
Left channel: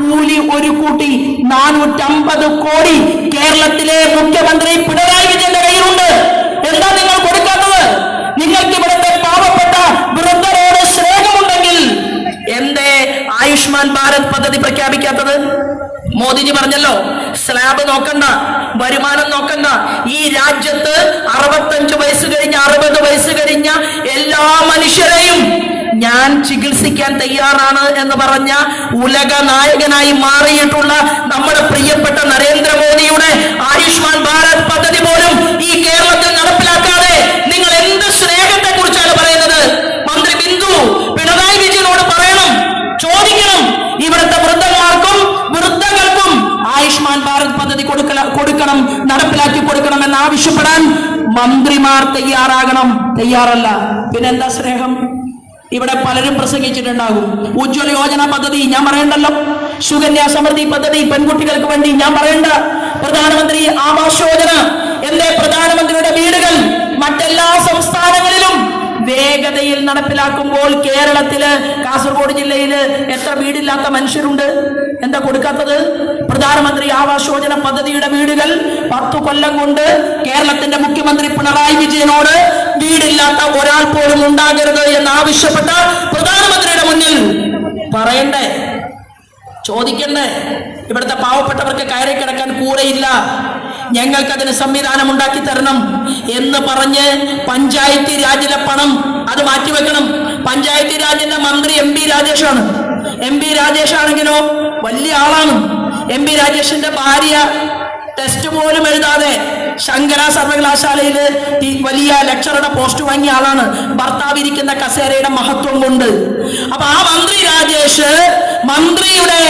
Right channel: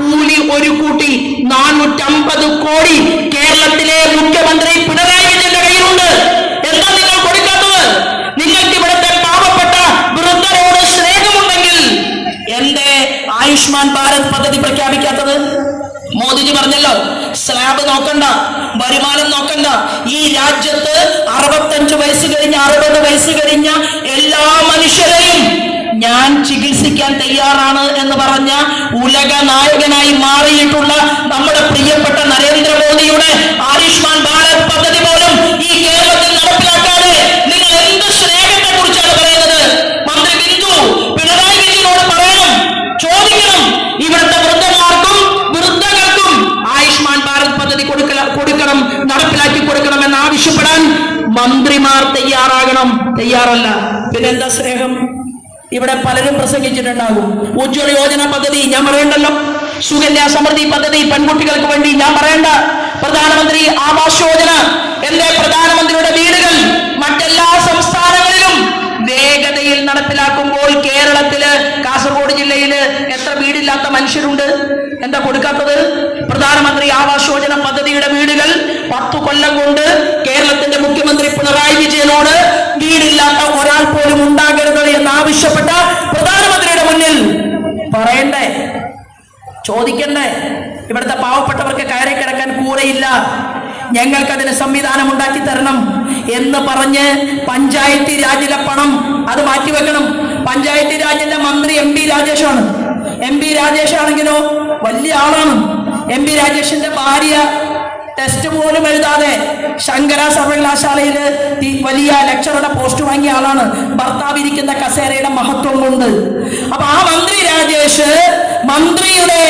കൂലി ഒരു കൂട്ടി 450 കോടി കേരളത്തിലെ മുഖ്യമന്ത്രി പിണറായി വിജയന്റെ കയ്യിലുണ്ട്. എന്താ നിങ്ങൾ കൊടുക്കാത്തത്? നിങ്ങൾക്ക് ഇവിടുത്തെ പാവപ്പെട്ട വൃദ്ധരോട് സ്നേഹമുണ്ടെങ്കിൽ എന്തേ ആയുഷ്മാൻ ഭാരത് പദ്ധതി പ്രഖ്യാപിക്കാത്തത്? മോദിജി പറഞ്ഞല്ലോ, സ്ലാബ് നോക്കണ്ട, വരുമാനം നോക്കണ്ട, ഈ രാജ്യത്ത് 65 വയസ്സ് കഴിഞ്ഞ 60 വയസ്സ് കഴിഞ്ഞ എല്ലാ മനുഷ്യരെയും ഞാൻ ചികിത്സിക്കാൻ തയ്യാറാണ് എന്ന് പറഞ്ഞ ഉലക നായകനായി മാറിയിട്ടുള്ള നമ്മുടെ പ്രിയപ്പെട്ട നരേന്ദ്രമോദിയുടെ ആയുഷ്മാൻ ഭാരത് പദ്ധതി പോലും ഈ കേരളത്തിൽ നടപ്പിലാക്കാതെ നിങ്ങൾ എന്ത് സ്നേഹത്തെ കുറിച്ചാണ് പറയുന്നത്? മന്ത്രി ബിന്ദു പിണറായി വിജയനോട് പറയണം, ചോദിക്കണം, ഇവിടുത്തെ വൃദ്ധന്മാർക്കും വൃദ്ധകൾക്കും ആയുഷ്മാൻ ഭാരത് പദ്ധതി കൊടുക്കണം, നടപ്പിലാക്കി കൊടുക്കണം എന്ന് ആവശ്യപ്പെടാൻ മന്ത്രിമാർ തയ്യാറാകണം. തയ്യാറല്ല, പിന്നെന്താ സ്നേഹം? ഇവിടെ പലരും പ്രസംഗിച്ചിട്ടുണ്ടാകും. ഉജ്ജ്വല യോജന പദ്ധതി ഞാൻ പറയണ്ടല്ലോ, സുകന്യ സമൃദ്ധി പദ്ധതി പെൺകുട്ടികൾക്ക് വേണ്ടി ഞാൻ പറയണ്ട, പ്രധാനമന്ത്രി ആവാസ് യോജന, എന്റെ പ്രധാനമന്ത്രിയുടെ വീടുകൾ മറ്റെല്ലാ സംസ്ഥാനങ്ങളിലും വേഗതയിൽ നടപ്പിലാക്കുമ്പോൾ കേരളത്തില് കാസർഗോഡ് ജില്ലയില് എത്ര വീടില്ലാത്ത മനുഷ്യരുണ്ട്? എന്താ കൊടുക്കാത്തത്? പ്രധാനമന്ത്രി ആവാസ് യോജന പദ്ധതിയുടെ വീടുകൾ 10 കൊല്ലം കൊണ്ട് കേരളത്തിന്റെ മുഖ്യമന്ത്രി പിണറായി വിജയനോട് വീടില്ലാത്ത ഒരാൾ പോലും ഉണ്ടാകരുത് എന്ന് ആവശ്യപ്പെട്ട പ്രധാനമന്ത്രിയുടെ മുന്നിൽ പറയണ്ടേ, ചോദിക്കണ്ടേ? ഇവിടുത്തെ പാവപ്പെട്ടവർക്ക് കയറി കിടക്കാൻ കൂരയില്ല, ഞങ്ങൾക്കതിന് സംവിധാനം ഉണ്ടാക്കി തരണം എന്ന് പറഞ്ഞ് പഞ്ചായത്ത് രാജിലെ പണം അത് മാറ്റിവെക്കണം. പഞ്ചായത്ത് രാജിന്റെ മന്ത്രി MP രാജേഷാണ്. MP രാജേഷ് ആണെങ്കിലോ വലിയ ആളാണ്. MP രാജേഷിന്റെ ഭാര്യ ടെസ്റ്റ് പോലും എഴുതാതെ ശങ്കര സർവകലാശാലയിൽ വലിയ ലെക്ചറുടെ പോസ്റ്റ് വാങ്ങിയ ആളാണ്. ഭർത്താവ് ഇരിക്കുന്ന കസേരയുടെ മഹത്വം കൊണ്ട്. അപ്പൊ ആ മന്ത്രി രാജേഷ് മന്ത്രിയുടെ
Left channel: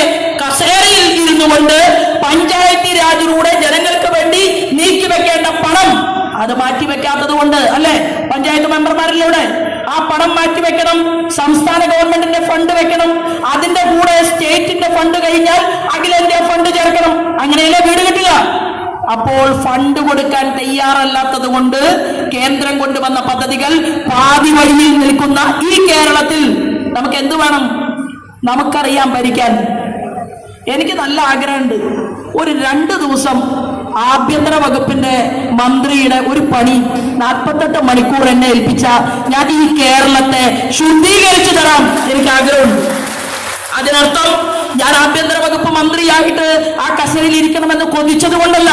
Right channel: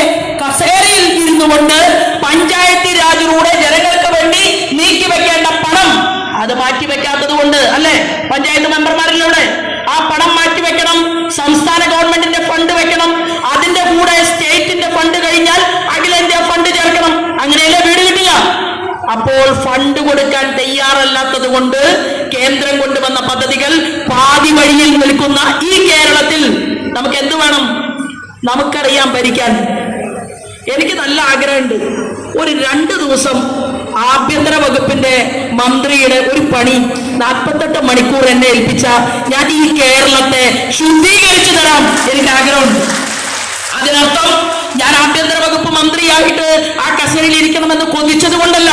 കസേരയിൽ ഇരുന്നുകൊണ്ട് പഞ്ചായത്ത് രാജിലൂടെ ജനങ്ങൾക്ക് വേണ്ടി നീക്കിവെക്കേണ്ട പണം അത് മാറ്റിവെക്കാത്തത് കൊണ്ട് അല്ലെ? പഞ്ചായത്ത് മെമ്പർമാരിലൂടെ ആ പണം മാറ്റിവെക്കണം, സംസ്ഥാന ഗവൺമെന്റിന്റെ ഫണ്ട് വെക്കണം, അതിന്റെ കൂടെ സ്റ്റേറ്റിന്റെ ഫണ്ട് കഴിഞ്ഞാൽ അഖിലേന്ത്യാ ഫണ്ട് ചേർക്കണം, അങ്ങനെയല്ലേ വീട് കിട്ടുക. അപ്പോൾ ഫണ്ട് കൊടുക്കാൻ തയ്യാറല്ലാത്തത് കൊണ്ട് കേന്ദ്രം കൊണ്ടുവന്ന പദ്ധതികൾ പാതി വഴിയിൽ നിൽക്കുന്ന ഈ കേരളത്തിൽ നമുക്ക് എന്ത് വേണം? നമുക്കറിയാം ഭരിക്കാൻ. എനിക്ക് നല്ല ആഗ്രഹമുണ്ട്, ഒരു 2 ദിവസം ആഭ്യന്തര വകുപ്പിന്റെ മന്ത്രിയുടെ ഒരു പണി 48 മണിക്കൂർ എന്നെ ഏൽപ്പിച്ച ഞാൻ ഈ കേരളത്തെ ശുദ്ധീകരിച്ചു തരാൻ എനിക്ക് ആഗ്രഹമുണ്ട്. അതിനർത്ഥം ഞാൻ ആഭ്യന്തര വകുപ്പ് മന്ത്രിയായിട്ട് ആ കസേരയിൽ ഇരിക്കണമെന്ന് കൊതിച്ചത് കൊണ്ടല്ല.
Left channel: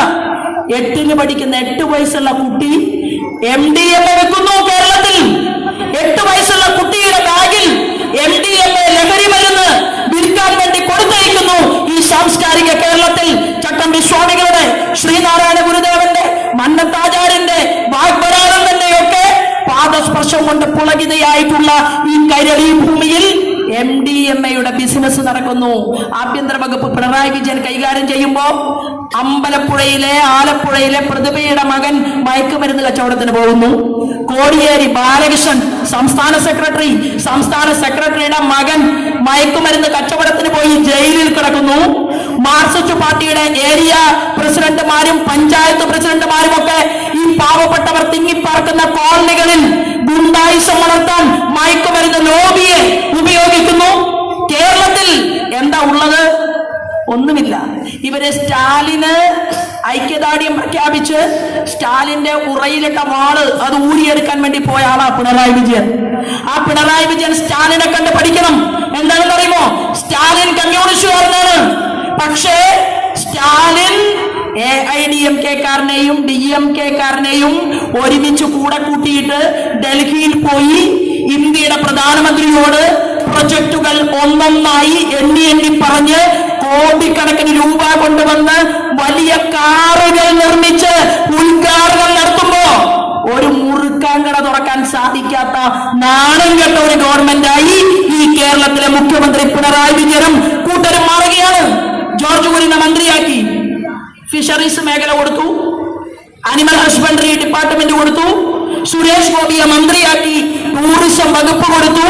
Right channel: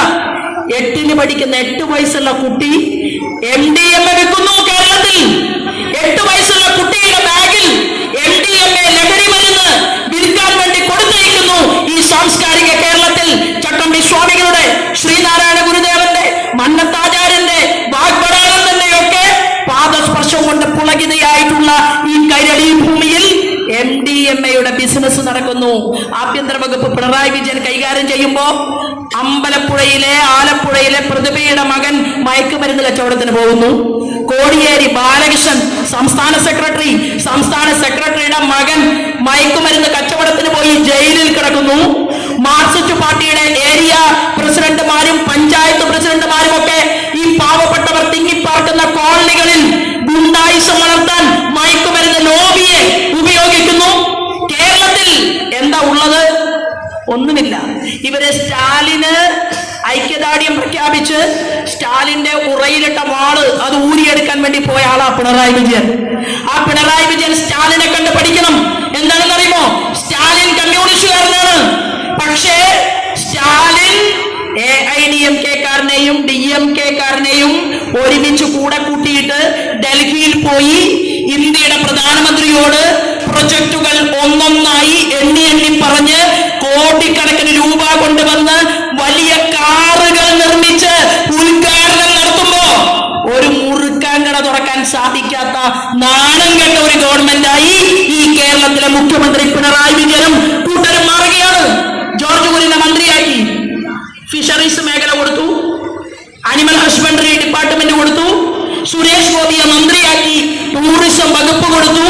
8ൽ പഠിക്കുന്ന 8 വയസ്സുള്ള കുട്ടി MDMA എടുക്കുന്നു കേരളത്തിൽ. 8 വയസ്സുള്ള കുട്ടിയുടെ ബാഗിൽ MDMA ലഹരി മരുന്ന് വിൽക്കാൻ വേണ്ടി കൊടുത്തയക്കുന്നു ഈ സാംസ്കാരിക കേരളത്തിൽ. ചട്ടമ്പി സ്വാമികളുടെ, ശ്രീനാരായണ ഗുരുദേവന്റെ, മന്നത്താചാര്യന്റെ, വാഗ്ബടാനന്ദന്റെ ഒക്കെ പാദസ്പർശം കൊണ്ട് പുളകിതയായിട്ടുള്ള ഈ കൈരളി ഭൂമിയിൽ MDMA ബിസിനസ് നടക്കുന്നു. ആഭ്യന്തര വകുപ്പ് പിണറായി വിജയൻ കൈകാര്യം ചെയ്യുമ്പോ അമ്പലപ്പുഴയിലെ, ആലപ്പുഴയിലെ പ്രതിഭയുടെ മകൻ മയക്കുമരുന്ന് കച്ചവടത്തിന് പോകുന്നു. കോടിയേരി ബാലകൃഷ്ണൻ സംസ്ഥാന സെക്രട്ടറിയുടെ മകൻ മയക്കുമരുന്ന് കച്ചവടത്തിന് പോയി ജയിലിൽ കിടക്കുന്നു. മാർക്സിസ്റ്റ് പാർട്ടിയുടെ ഏരിയ പ്രസിഡന്റുമാരും പഞ്ചായത്ത് പ്രസിഡന്റുമാരും ഒക്കെ ഈ പാവപ്പെട്ടവർ തിങ്ങിപ്പാർക്കുന്ന കോളനികളിൽ ഗുണ്ടായിസം വളർത്താൻ മയക്കുമരുന്ന് ലോബിയെ ഉപയോഗിക്കുന്നു. കേരളത്തിൽ എന്താ ഉള്ളത്? ഒന്നുമില്ല. ഇവര് സ്റ്റാലിന് ഐക്യദാർഢ്യം പ്രഖ്യാപിച്ച് സ്റ്റാലിന്റെ ഉറയിലിട്ട വാള് അത് ഊരിയെടുക്കാൻ വേണ്ടി പോയ ആളാ പിണറായി വിജയൻ. ആ പിണറായി വിജയൻ സ്റ്റാലിനെ കണ്ട് പഠിക്കണം. എന്താണെന്ന് അറിയുമോ? സ്റ്റാലിൻ കമ്മ്യൂണിസ്റ്റുകാരനാണ്. പക്ഷേ സ്റ്റാലിൻ AIDMK-കാരനെയും DMK-കാരനെയും ഒരുമിച്ച് കൂടെ കൂട്ടിയിട്ട് ഡൽഹിയിൽ പോയി ഇന്ത്യയുടെ പ്രധാനമന്ത്രിയോട് പ്രൊജക്ടുകൾ ഒന്നൊന്നായി എണ്ണി പറഞ്ഞ് കോടിക്കണക്കിന് രൂപ കൊണ്ടുവന്ന് വലിയ കാറുകൾ നിർമ്മിച്ച് ഉദ്ഘാടനം നടത്തുമ്പോ ഒരു മുറുക്കാൻ കട തുറക്കാൻ സാധിക്കാത്ത നാണം കെട്ട ഒരു ഗവൺമെന്റായി ഈ കേരളത്തിലെ മുഖ്യമന്ത്രി പിണറായി വിജയനും കൂട്ടരും മാറുകയാണ്. ജോർജ് കുര്യനെ മന്ത്രിയാക്കി, ഫിഷറീസ് മേഖല കൊടുത്തു, അനിമൽ ഹസ്ബൻഡറി ഡിപ്പാർട്ട്മെന്റ് കൊടുത്തു, സുരേഷ് ഗോപിയെ മന്ത്രിയാക്കി, ടൂറിസം വകുപ്പ് കൊടുത്തു,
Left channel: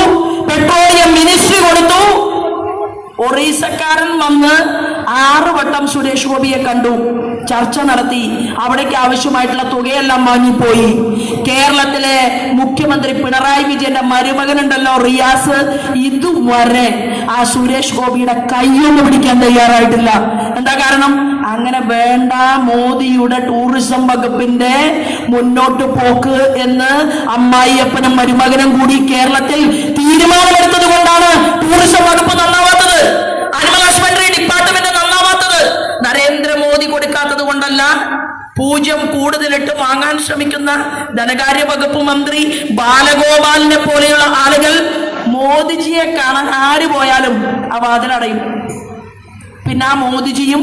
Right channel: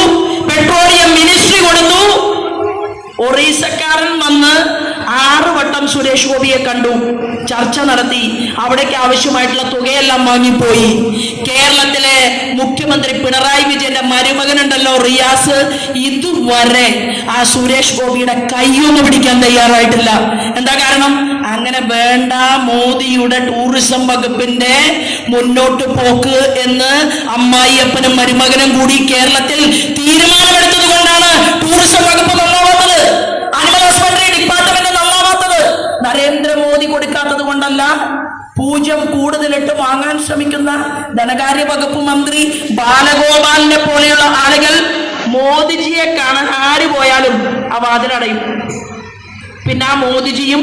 ഒറീസക്കാരൻ വന്ന് 6 വട്ടം സുരേഷ് ഗോപിയെ കണ്ടു, ചർച്ച നടത്തി, അവിടേക്ക് ആവശ്യമായിട്ടുള്ള തുകയെല്ലാം വാങ്ങിപ്പോയി. കേരളത്തിലെ മുഖ്യമന്ത്രി പിണറായി വിജയന്റെ മരുമകനുണ്ടല്ലോ റിയാസ്, ഇതുവരെ ആ സുരേഷ് ഗോപിയുടെ കൈയൊന്ന് പിടിക്കാൻ തയ്യാറായിട്ടില്ല. എന്താ കാരണം? അങ്ങനെ വേണ്ട മോദിയുടെ ടൂറിസം വകുപ്പിന്റെ മുന്നോട്ട് പോക്ക് എന്ന് അമ്മായിയപ്പനും മരുമകനും കൂടി കേരളത്തിൽ തീരുമാനമെടുത്തത് കൊണ്ടാണ് ടൂറിസം വകുപ്പ് നന്നാവാത്തത്, അനിമൽ ഹസ്ബൻഡറി ഡിപ്പാർട്ട്മെന്റ് നന്നാവാത്തത്. നരേന്ദ്രമോദി കൊടുക്കാത്തത് കൊണ്ടല്ല. 0 കൂടുതലിട്ട് വാങ്ങാൻ ശ്രമിക്കുന്ന ധനകാര്യ വകുപ്പ് മന്ത്രി ബാലഗോപാലിനെ പോലെയുള്ള ആളുകൾ മോദിജിയെ കാണാൻ ആര് പോയാലും ആ വാതിലടയും. പിന്നെ ആ മോദിജിയും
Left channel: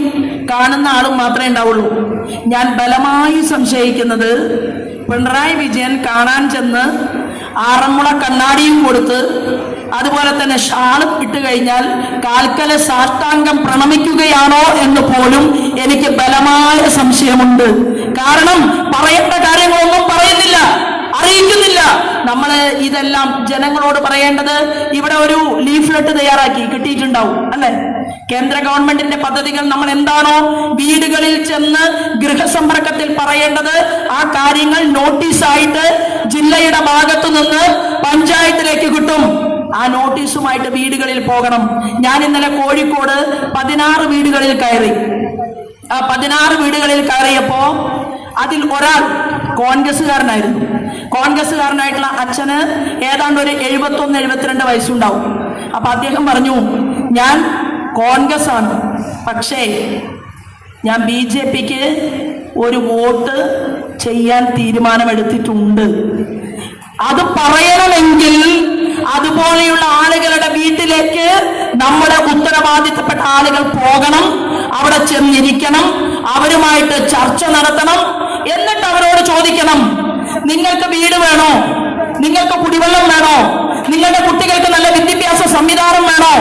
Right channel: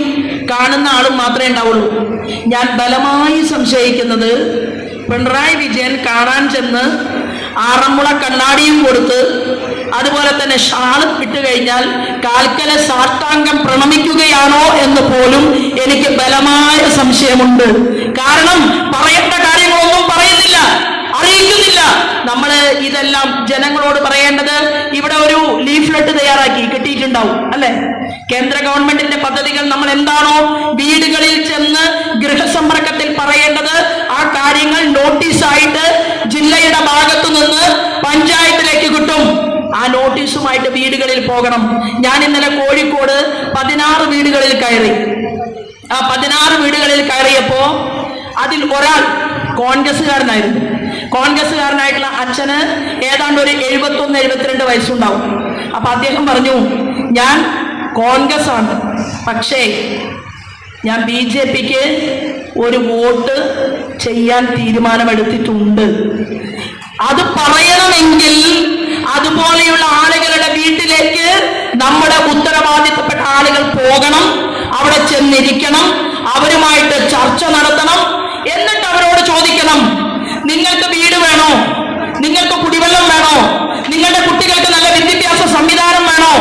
കാണുന്ന ആളും മാത്രമേ ഉണ്ടാവുള്ളൂ. ഞാൻ ബലമായി സംശയിക്കുന്നത് പിണറായി വിജയൻ കാണാൻ ചെന്ന് 6 മുള കണ്ണാടിയും കൊടുത്ത് അതുപോലെ തന്നെ ഷാളും ഇട്ട് കഴിഞ്ഞാൽ കാൽക്കല സാഷ്ടാംഗം പ്രണമിക്കുകയാണോ എന്ന് പോലും എനിക്ക് ബലമായ സംശയമുണ്ട്. കാരണം പറയേണ്ട കാര്യങ്ങളൊന്നും പറയുന്നില്ല, അറിയിക്കുന്നില്ല. നമ്മള് ഇതെല്ലാം ജനങ്ങളോട് പറയേണ്ടത് ഇവിടെ ഒരു ലീഫ്ലെറ്റ് തയ്യാറാക്കി കിട്ടിയിട്ടുണ്ടാവും അല്ലെ? കേന്ദ്ര ഗവൺമെന്റിന്റെ പദ്ധതികൾ നമ്മൾ എന്താണോ വീടുകളിൽ ചെന്ന് ഗൃഹസമ്പർക്കത്തിൽ പറയേണ്ടത്, ആ കാര്യങ്ങൾ നോട്ടീസായിട്ട് ജില്ലയുടെ ഭാഗത്തു നിന്ന് പഞ്ചായത്തിലേക്ക് കിട്ടും. ആ നോട്ടീസുമായിട്ട് വീടുകളിൽ പോകണം. ഞാൻ ഇന്നലെ കോഴിക്കോട് 16 വീടുകളിൽ കയറി. ആ 16 വീടുകളിൽ കയറിയപ്പോ അതിൽ ഒരാൾ കോൺഗ്രസ്സുകാരനായിരുന്നു. കോൺഗ്രസ്സുകാരനായിട്ടുള്ള അച്ഛന് ഏതാണ്ട് ഒരു 71-72 വയസ്സുണ്ടാവും. അപ്പൊ അദ്ദേഹം പറഞ്ഞു, ഞാൻ കോൺഗ്രസ് ആണ്, പക്ഷേ ഞാൻ BJPക്ക് ഒരു വോട്ട് ചെയ്യാൻ തീരുമാനമെടുത്തിട്ടുണ്ട്. അത് പറയണമെങ്കിൽ അതുപോലെയുള്ള ആളുകളുടെ വീട്ടിലേക്ക് നമ്മുടെ ഉത്തരവാദിത്തപ്പെട്ട ആളുകൾ പോകണം, അവിടെ ചെന്നിരിക്കണം, അവരുമായിട്ട് ചർച്ച നടത്തണം. എന്നിട്ട് അവരോട് ചോദിക്കണം, നിങ്ങൾക്ക് വീട് വേണോ, നിങ്ങൾക്ക് കുടിവെള്ളം വേണോ, നിങ്ങളുടെ കുട്ടികൾക്ക് നല്ല വിദ്യാഭ്യാസ സംവിധാനം വേണോ,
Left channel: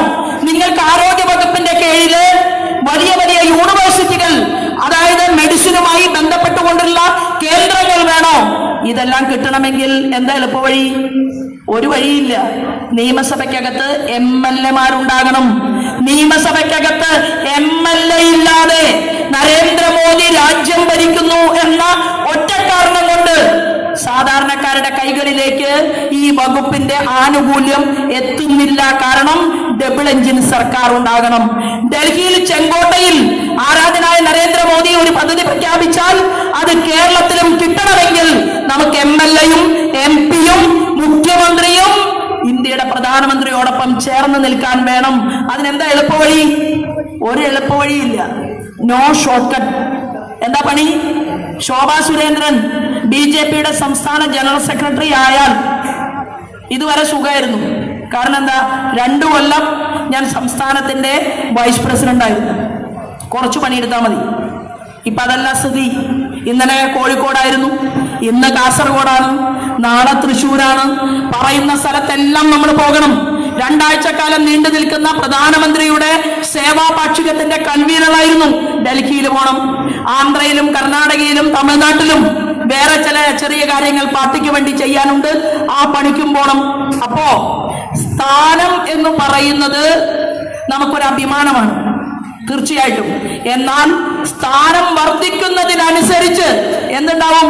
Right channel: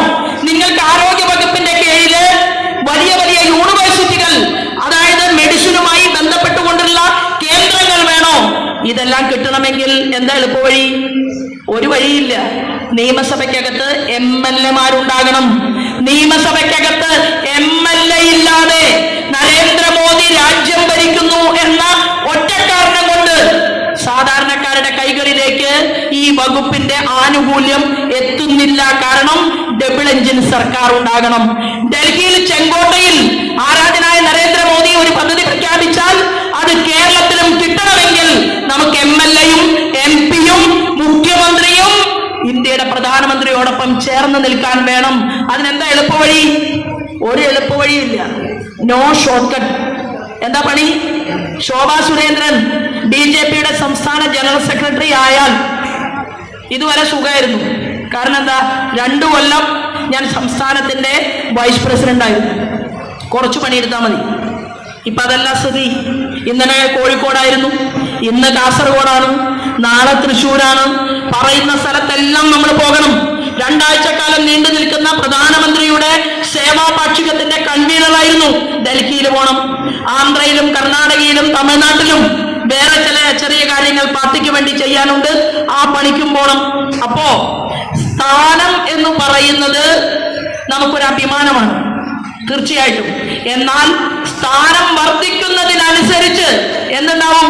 നിങ്ങൾക്ക് ആരോഗ്യ വകുപ്പിന്റെ കീഴില് വലിയ വലിയ യൂണിവേഴ്സിറ്റികൾ, അതായത് മെഡിസിനുമായി ബന്ധപ്പെട്ടുകൊണ്ടുള്ള കേന്ദ്രങ്ങൾ വേണോ? ഇതെല്ലാം കിട്ടണമെങ്കിൽ എന്താ എളുപ്പവഴി? ഒരു വഴിയില്ല. നിയമസഭയ്ക്കകത്ത് MLA-മാരുണ്ടാകണം. നിയമസഭയ്ക്കകത്ത് MLA ഇല്ലാതെ നരേന്ദ്രമോദി രാജ്യം ഭരിക്കുന്നു എന്ന ഒറ്റക്കാരണം കൊണ്ട് സാധാരണക്കാരുടെ കൈകളിലേക്ക് ഈ വകുപ്പിന്റെ ആനുകൂല്യം എത്തുന്നില്ല. കാരണം ഡബിൾ എഞ്ചിൻ സർക്കാർ ഉണ്ടാകണം. ഡൽഹിയിൽ ചെങ്കോട്ടയിൽ ആരാധനായ നരേന്ദ്രമോദി ഒരു പദ്ധതി പ്രഖ്യാപിച്ചാൽ അത് കേരളത്തിലും കിട്ടണമെങ്കിൽ നമുക്ക് MLA-യും MP-യും മുഖ്യമന്ത്രിയും ഇന്ത്യയുടെ പ്രധാനമന്ത്രിയോടൊപ്പം ചേർന്ന് നിൽക്കാൻ വേണം. അതിനെന്താ എളുപ്പവഴി? ഒരു എളുപ്പവഴിയില്ല. No short cut. എന്താ പണി? ശോഭാ സുരേന്ദ്രൻ BJPയുടെ സംസ്ഥാന ജനറൽ സെക്രട്ടറി ആയാൽ ഇതുവരെ സുഖമായിരുന്നു. കാരണം എന്താ? 2 കൊല്ലം ഞാൻ സംസ്ഥാനത്തിന്റെ വൈസ് പ്രസിഡന്റ് ആയിരുന്നു. കുറച്ച് പണിയെടുത്താൽ മതി. ഇപ്പൊ അതല്ല സ്ഥിതി. ഇന്നലെ കോഴിക്കോടായിരുന്നു, ഇന്ന് കാസർഗോഡാണ്, നാളെ തൃശ്ശൂരാണ്. പറയുന്ന സ്ഥലത്തെല്ലാം നമ്മൾ പോകണം. 2 ആഴ്ചക്കാലം നീണ്ടു നിൽക്കുന്ന പ്രധാനമന്ത്രിയുടെ സേവാ പാക്ഷികത്തിന്റെ കൺവീനറായിരുന്നു. ഡൽഹിയിൽ പോകണം. ആന്ധ്രയിലും കർണാടകയിലും തമിഴ്നാട്ടിലും വേറെ ചില ചെറിയ കാര്യങ്ങൾ പാർട്ടിക്ക് വേണ്ടി ചെയ്യാനുണ്ട്. ആ പണിക്കും പോകണം. അപ്പോ സ്ഥാനം എന്ന് പറയുന്നത് നമുക്കൊരു അഭിമാനമാണ്, തീർച്ചയായിട്ടും. എന്നാൽ സ്ഥാനം വർദ്ധിക്കുന്നതിനനുസരിച്ച് എന്തുണ്ടാവും?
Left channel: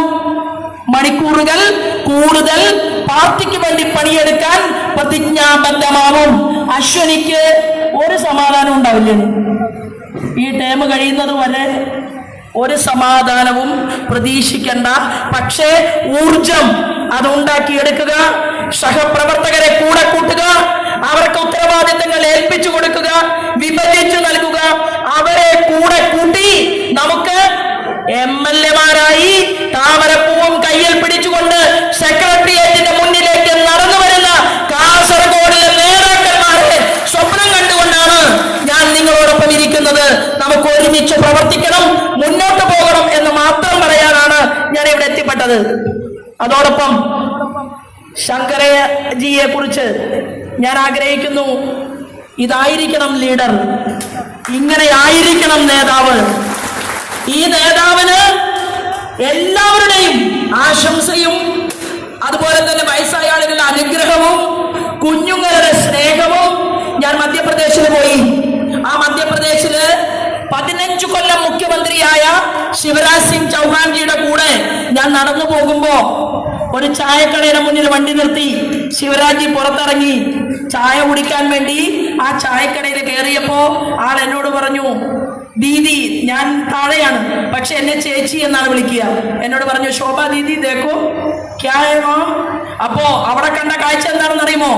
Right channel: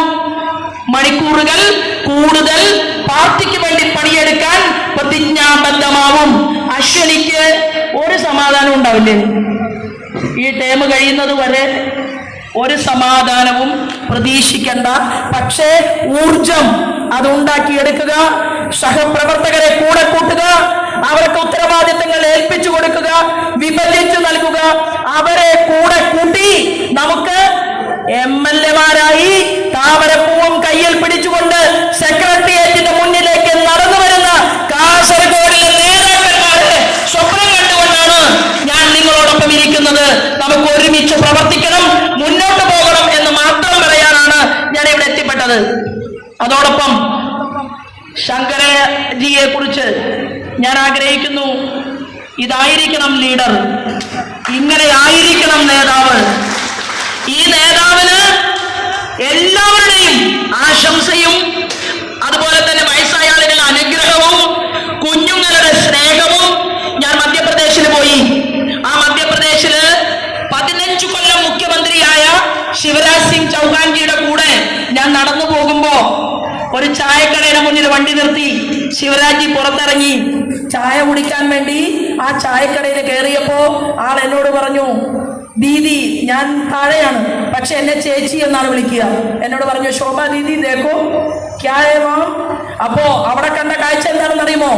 മണിക്കൂറുകൾ കൂടുതൽ പാർട്ടിക്ക് വേണ്ടി പണിയെടുക്കാൻ പ്രതിജ്ഞാബദ്ധമാവും. അശ്വനിക്ക് ഒരു സമാധാനം ഉണ്ടാവില്ലേ? ഈ ടേം കഴിയുന്നത് വരെ ഒരു സമാധാനവും പ്രതീക്ഷിക്കേണ്ട. പക്ഷേ ഊർജം അതുണ്ടാക്കിയെടുക്കുക, സഹപ്രവർത്തകരെ കൂടെ കൂട്ടുക, അവർക്ക് ഉത്തരവാദിത്തങ്ങൾ ഏൽപ്പിച്ചു കൊടുക്കുക, വിഭജിച്ചു നൽകുക, അവരെ കൂടെ കൂട്ടി നമുക്ക് MLA-മാരായി താമരപ്പൂവും കയ്യിൽ പിടിച്ചുകൊണ്ട് സെക്രട്ടേറിയറ്റിന്റെ മുന്നിലേക്ക് നടന്നു വരുന്ന കാസർഗോഡിലെ നേതാക്കന്മാരെ സ്വപ്നം കണ്ടുകൊണ്ടാണ് ഞാൻ നിങ്ങളോടൊപ്പം ഇരിക്കുന്നത്. നമുക്ക് ഒരുമിച്ച് പ്രവർത്തിക്കണം, മുന്നോട്ട് പോകണം എന്ന് മാത്രം പറയാനാണ് ഞാൻ ഇവിടെ എത്തിപ്പെട്ടത്. അതോടൊപ്പം ശങ്കരജിയെ കുറിച്ച് ഞാൻ ആഗ്രഹിക്കുന്നു, ഇതായിരിക്കണം ലീഡർ, ഇങ്ങനെ ആയിരിക്കണം നേതാവ്. ഈ നേതാവിന് എല്ലാവരുടെയും ആശംസയും അതുപോലെ തന്നെ വയസ്സായ ആളുകളുടെ അനുഗ്രഹവും കുഞ്ഞുങ്ങളുടെ സ്നേഹവും. ഞാൻ മധ്യപ്രദേശിൽ പോയി. ശിവരാജ് സിംഗ് ചൗഹാൻജിയുടെ കൂടെ ഞാൻ നടന്നു പോകുമ്പോ ഒരു ചായക്കടയുടെ മുന്നിൽ വണ്ടി നിർത്തി. ശിവരാജ് പുറത്തിറങ്ങി ചായ കുടിക്കാൻ വേണ്ടി ആ ചായക്കടയിൽ കയറിയപ്പോ ആൾ എന്നോട് പറഞ്ഞു, ദീദി, ഞാൻ താഴെയാണ് പക്ഷെ എന്നെ ചേച്ചി എന്നാണ് വിളിക്കുക. എന്നോട് പറഞ്ഞു, ശോഭ ദീദി ദേക്കോ ക്യാ ഹൈ മാം. അപ്പോ അവിടെ കണ്ട കാഴ്ച എന്താണെന്ന് അറിയുമോ?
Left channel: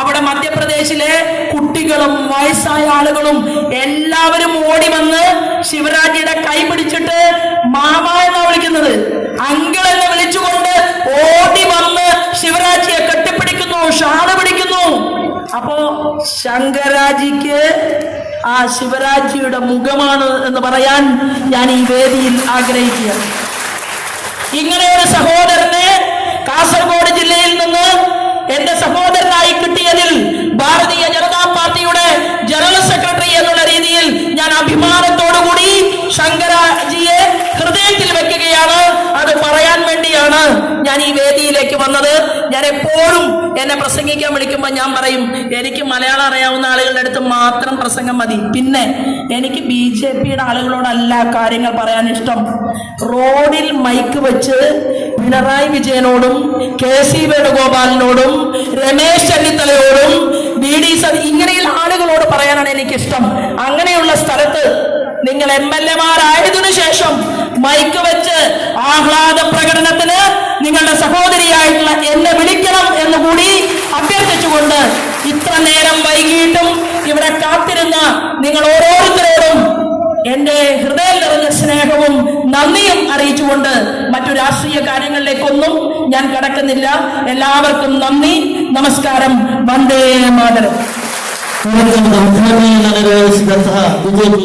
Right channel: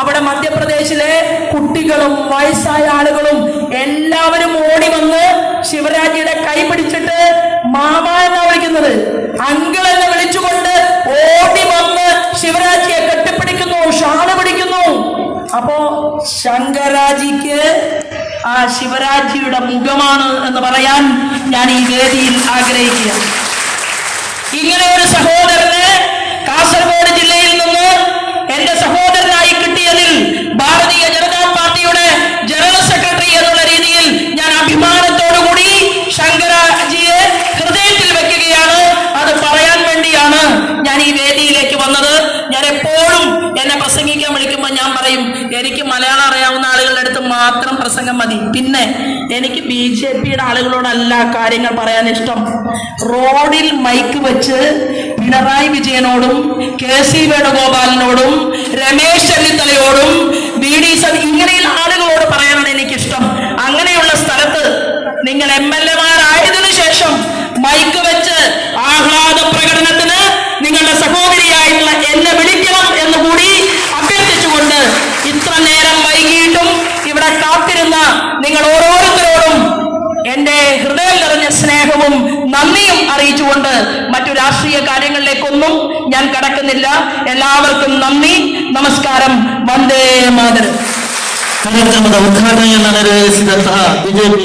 അവിടെ മധ്യപ്രദേശിലെ കുട്ടികളും വയസ്സായ ആളുകളും എല്ലാവരും ഓടി വന്ന് ശിവരാജിയുടെ കൈ പിടിച്ചിട്ട് മാമ എന്നാ വിളിക്കുന്നത്, അങ്കിൾ എന്ന് വിളിച്ചുകൊണ്ട് ഓടി വന്ന് ശിവരാജിയെ കെട്ടിപ്പിടിക്കുന്നു, ഷാള് പിടിക്കുന്നു. അപ്പോ ശങ്കരാജിക്ക് ആ ശിവരാജിയുടെ മുഖമാണ് എന്ന് പറയാൻ ഞാൻ ഈ വേദിയിൽ ആഗ്രഹിക്കുക. ഇങ്ങനെ ഒരു സഹോദരനെ കാസർഗോഡ് ജില്ലയിൽ നിന്ന് എന്റെ സഹോദരനായി കിട്ടിയതിൽ ഭാരതീയ ജനതാ പാർട്ടിയുടെ ജനറൽ സെക്രട്ടറി എന്നുള്ള രീതിയിൽ ഞാൻ അഭിമാനത്തോടുകൂടി ശങ്കരാജിയെ ഹൃദയത്തിൽ വെക്കുകയാണ്. അത് പറയാൻ വേണ്ടിയാണ് ഞാൻ ഈ വേദിയിലേക്ക് വന്നത്. ഞാൻ എപ്പോഴും എന്നെ പ്രസംഗിക്കാൻ വിളിക്കുമ്പോൾ ഞാൻ പറയും, എനിക്ക് മലയാളം അറിയാവുന്ന ആളുകളുടെ അടുത്ത് മാത്രം പ്രസംഗം മതി. പിന്നെ എനിക്ക് BJPയുടെ ആളുകളോടല്ല കാര്യങ്ങൾ പറയാൻ ഇഷ്ടം. റോഡിൽ മൈക്ക് വെച്ച് പിണറായി വിജയനോടും KC വേണുഗോപാലിനോടും രമേശ് ചെന്നിത്തലയോടും VD ഇങ്ങനെയുള്ള ആളുകളോട് പറയാനാണ് എനിക്കിഷ്ടം. അങ്ങനെയുള്ള സ്ഥലത്ത് നിങ്ങൾ MLA-മാരായതിനു ശേഷം മൈക്ക് വെച്ച് ആഹ്ലാദ പ്രകടനത്തിന് നിങ്ങളുടെ സഹോദരിയായിട്ടുള്ള എന്നെ വിളിക്കണം എന്നുകൂടി അഭ്യർത്ഥിച്ചുകൊണ്ട് ഇത്ര നേരം വൈകിയിട്ടും ഇവിടെ കാത്തിരുന്ന നിങ്ങൾ ഓരോരുത്തരോടും എന്റെ ഹൃദയം നിറഞ്ഞ സ്നേഹവും നന്ദിയും അറിയിച്ചുകൊണ്ട് മറ്റു രാഷ്ട്രീയ കാര്യങ്ങളിലേക്കൊന്നും ഞാൻ കടക്കുന്നില്ല. എല്ലാവർക്കും നന്ദി, നമസ്കാരം, വന്ദേ മാതരം. ಕಾರ್ಯಕ್ರಮದ ಉದ್ಘಾಟನೆಯನ್ನು ನೆರವೇರಿಸಿದಂತಹ BJP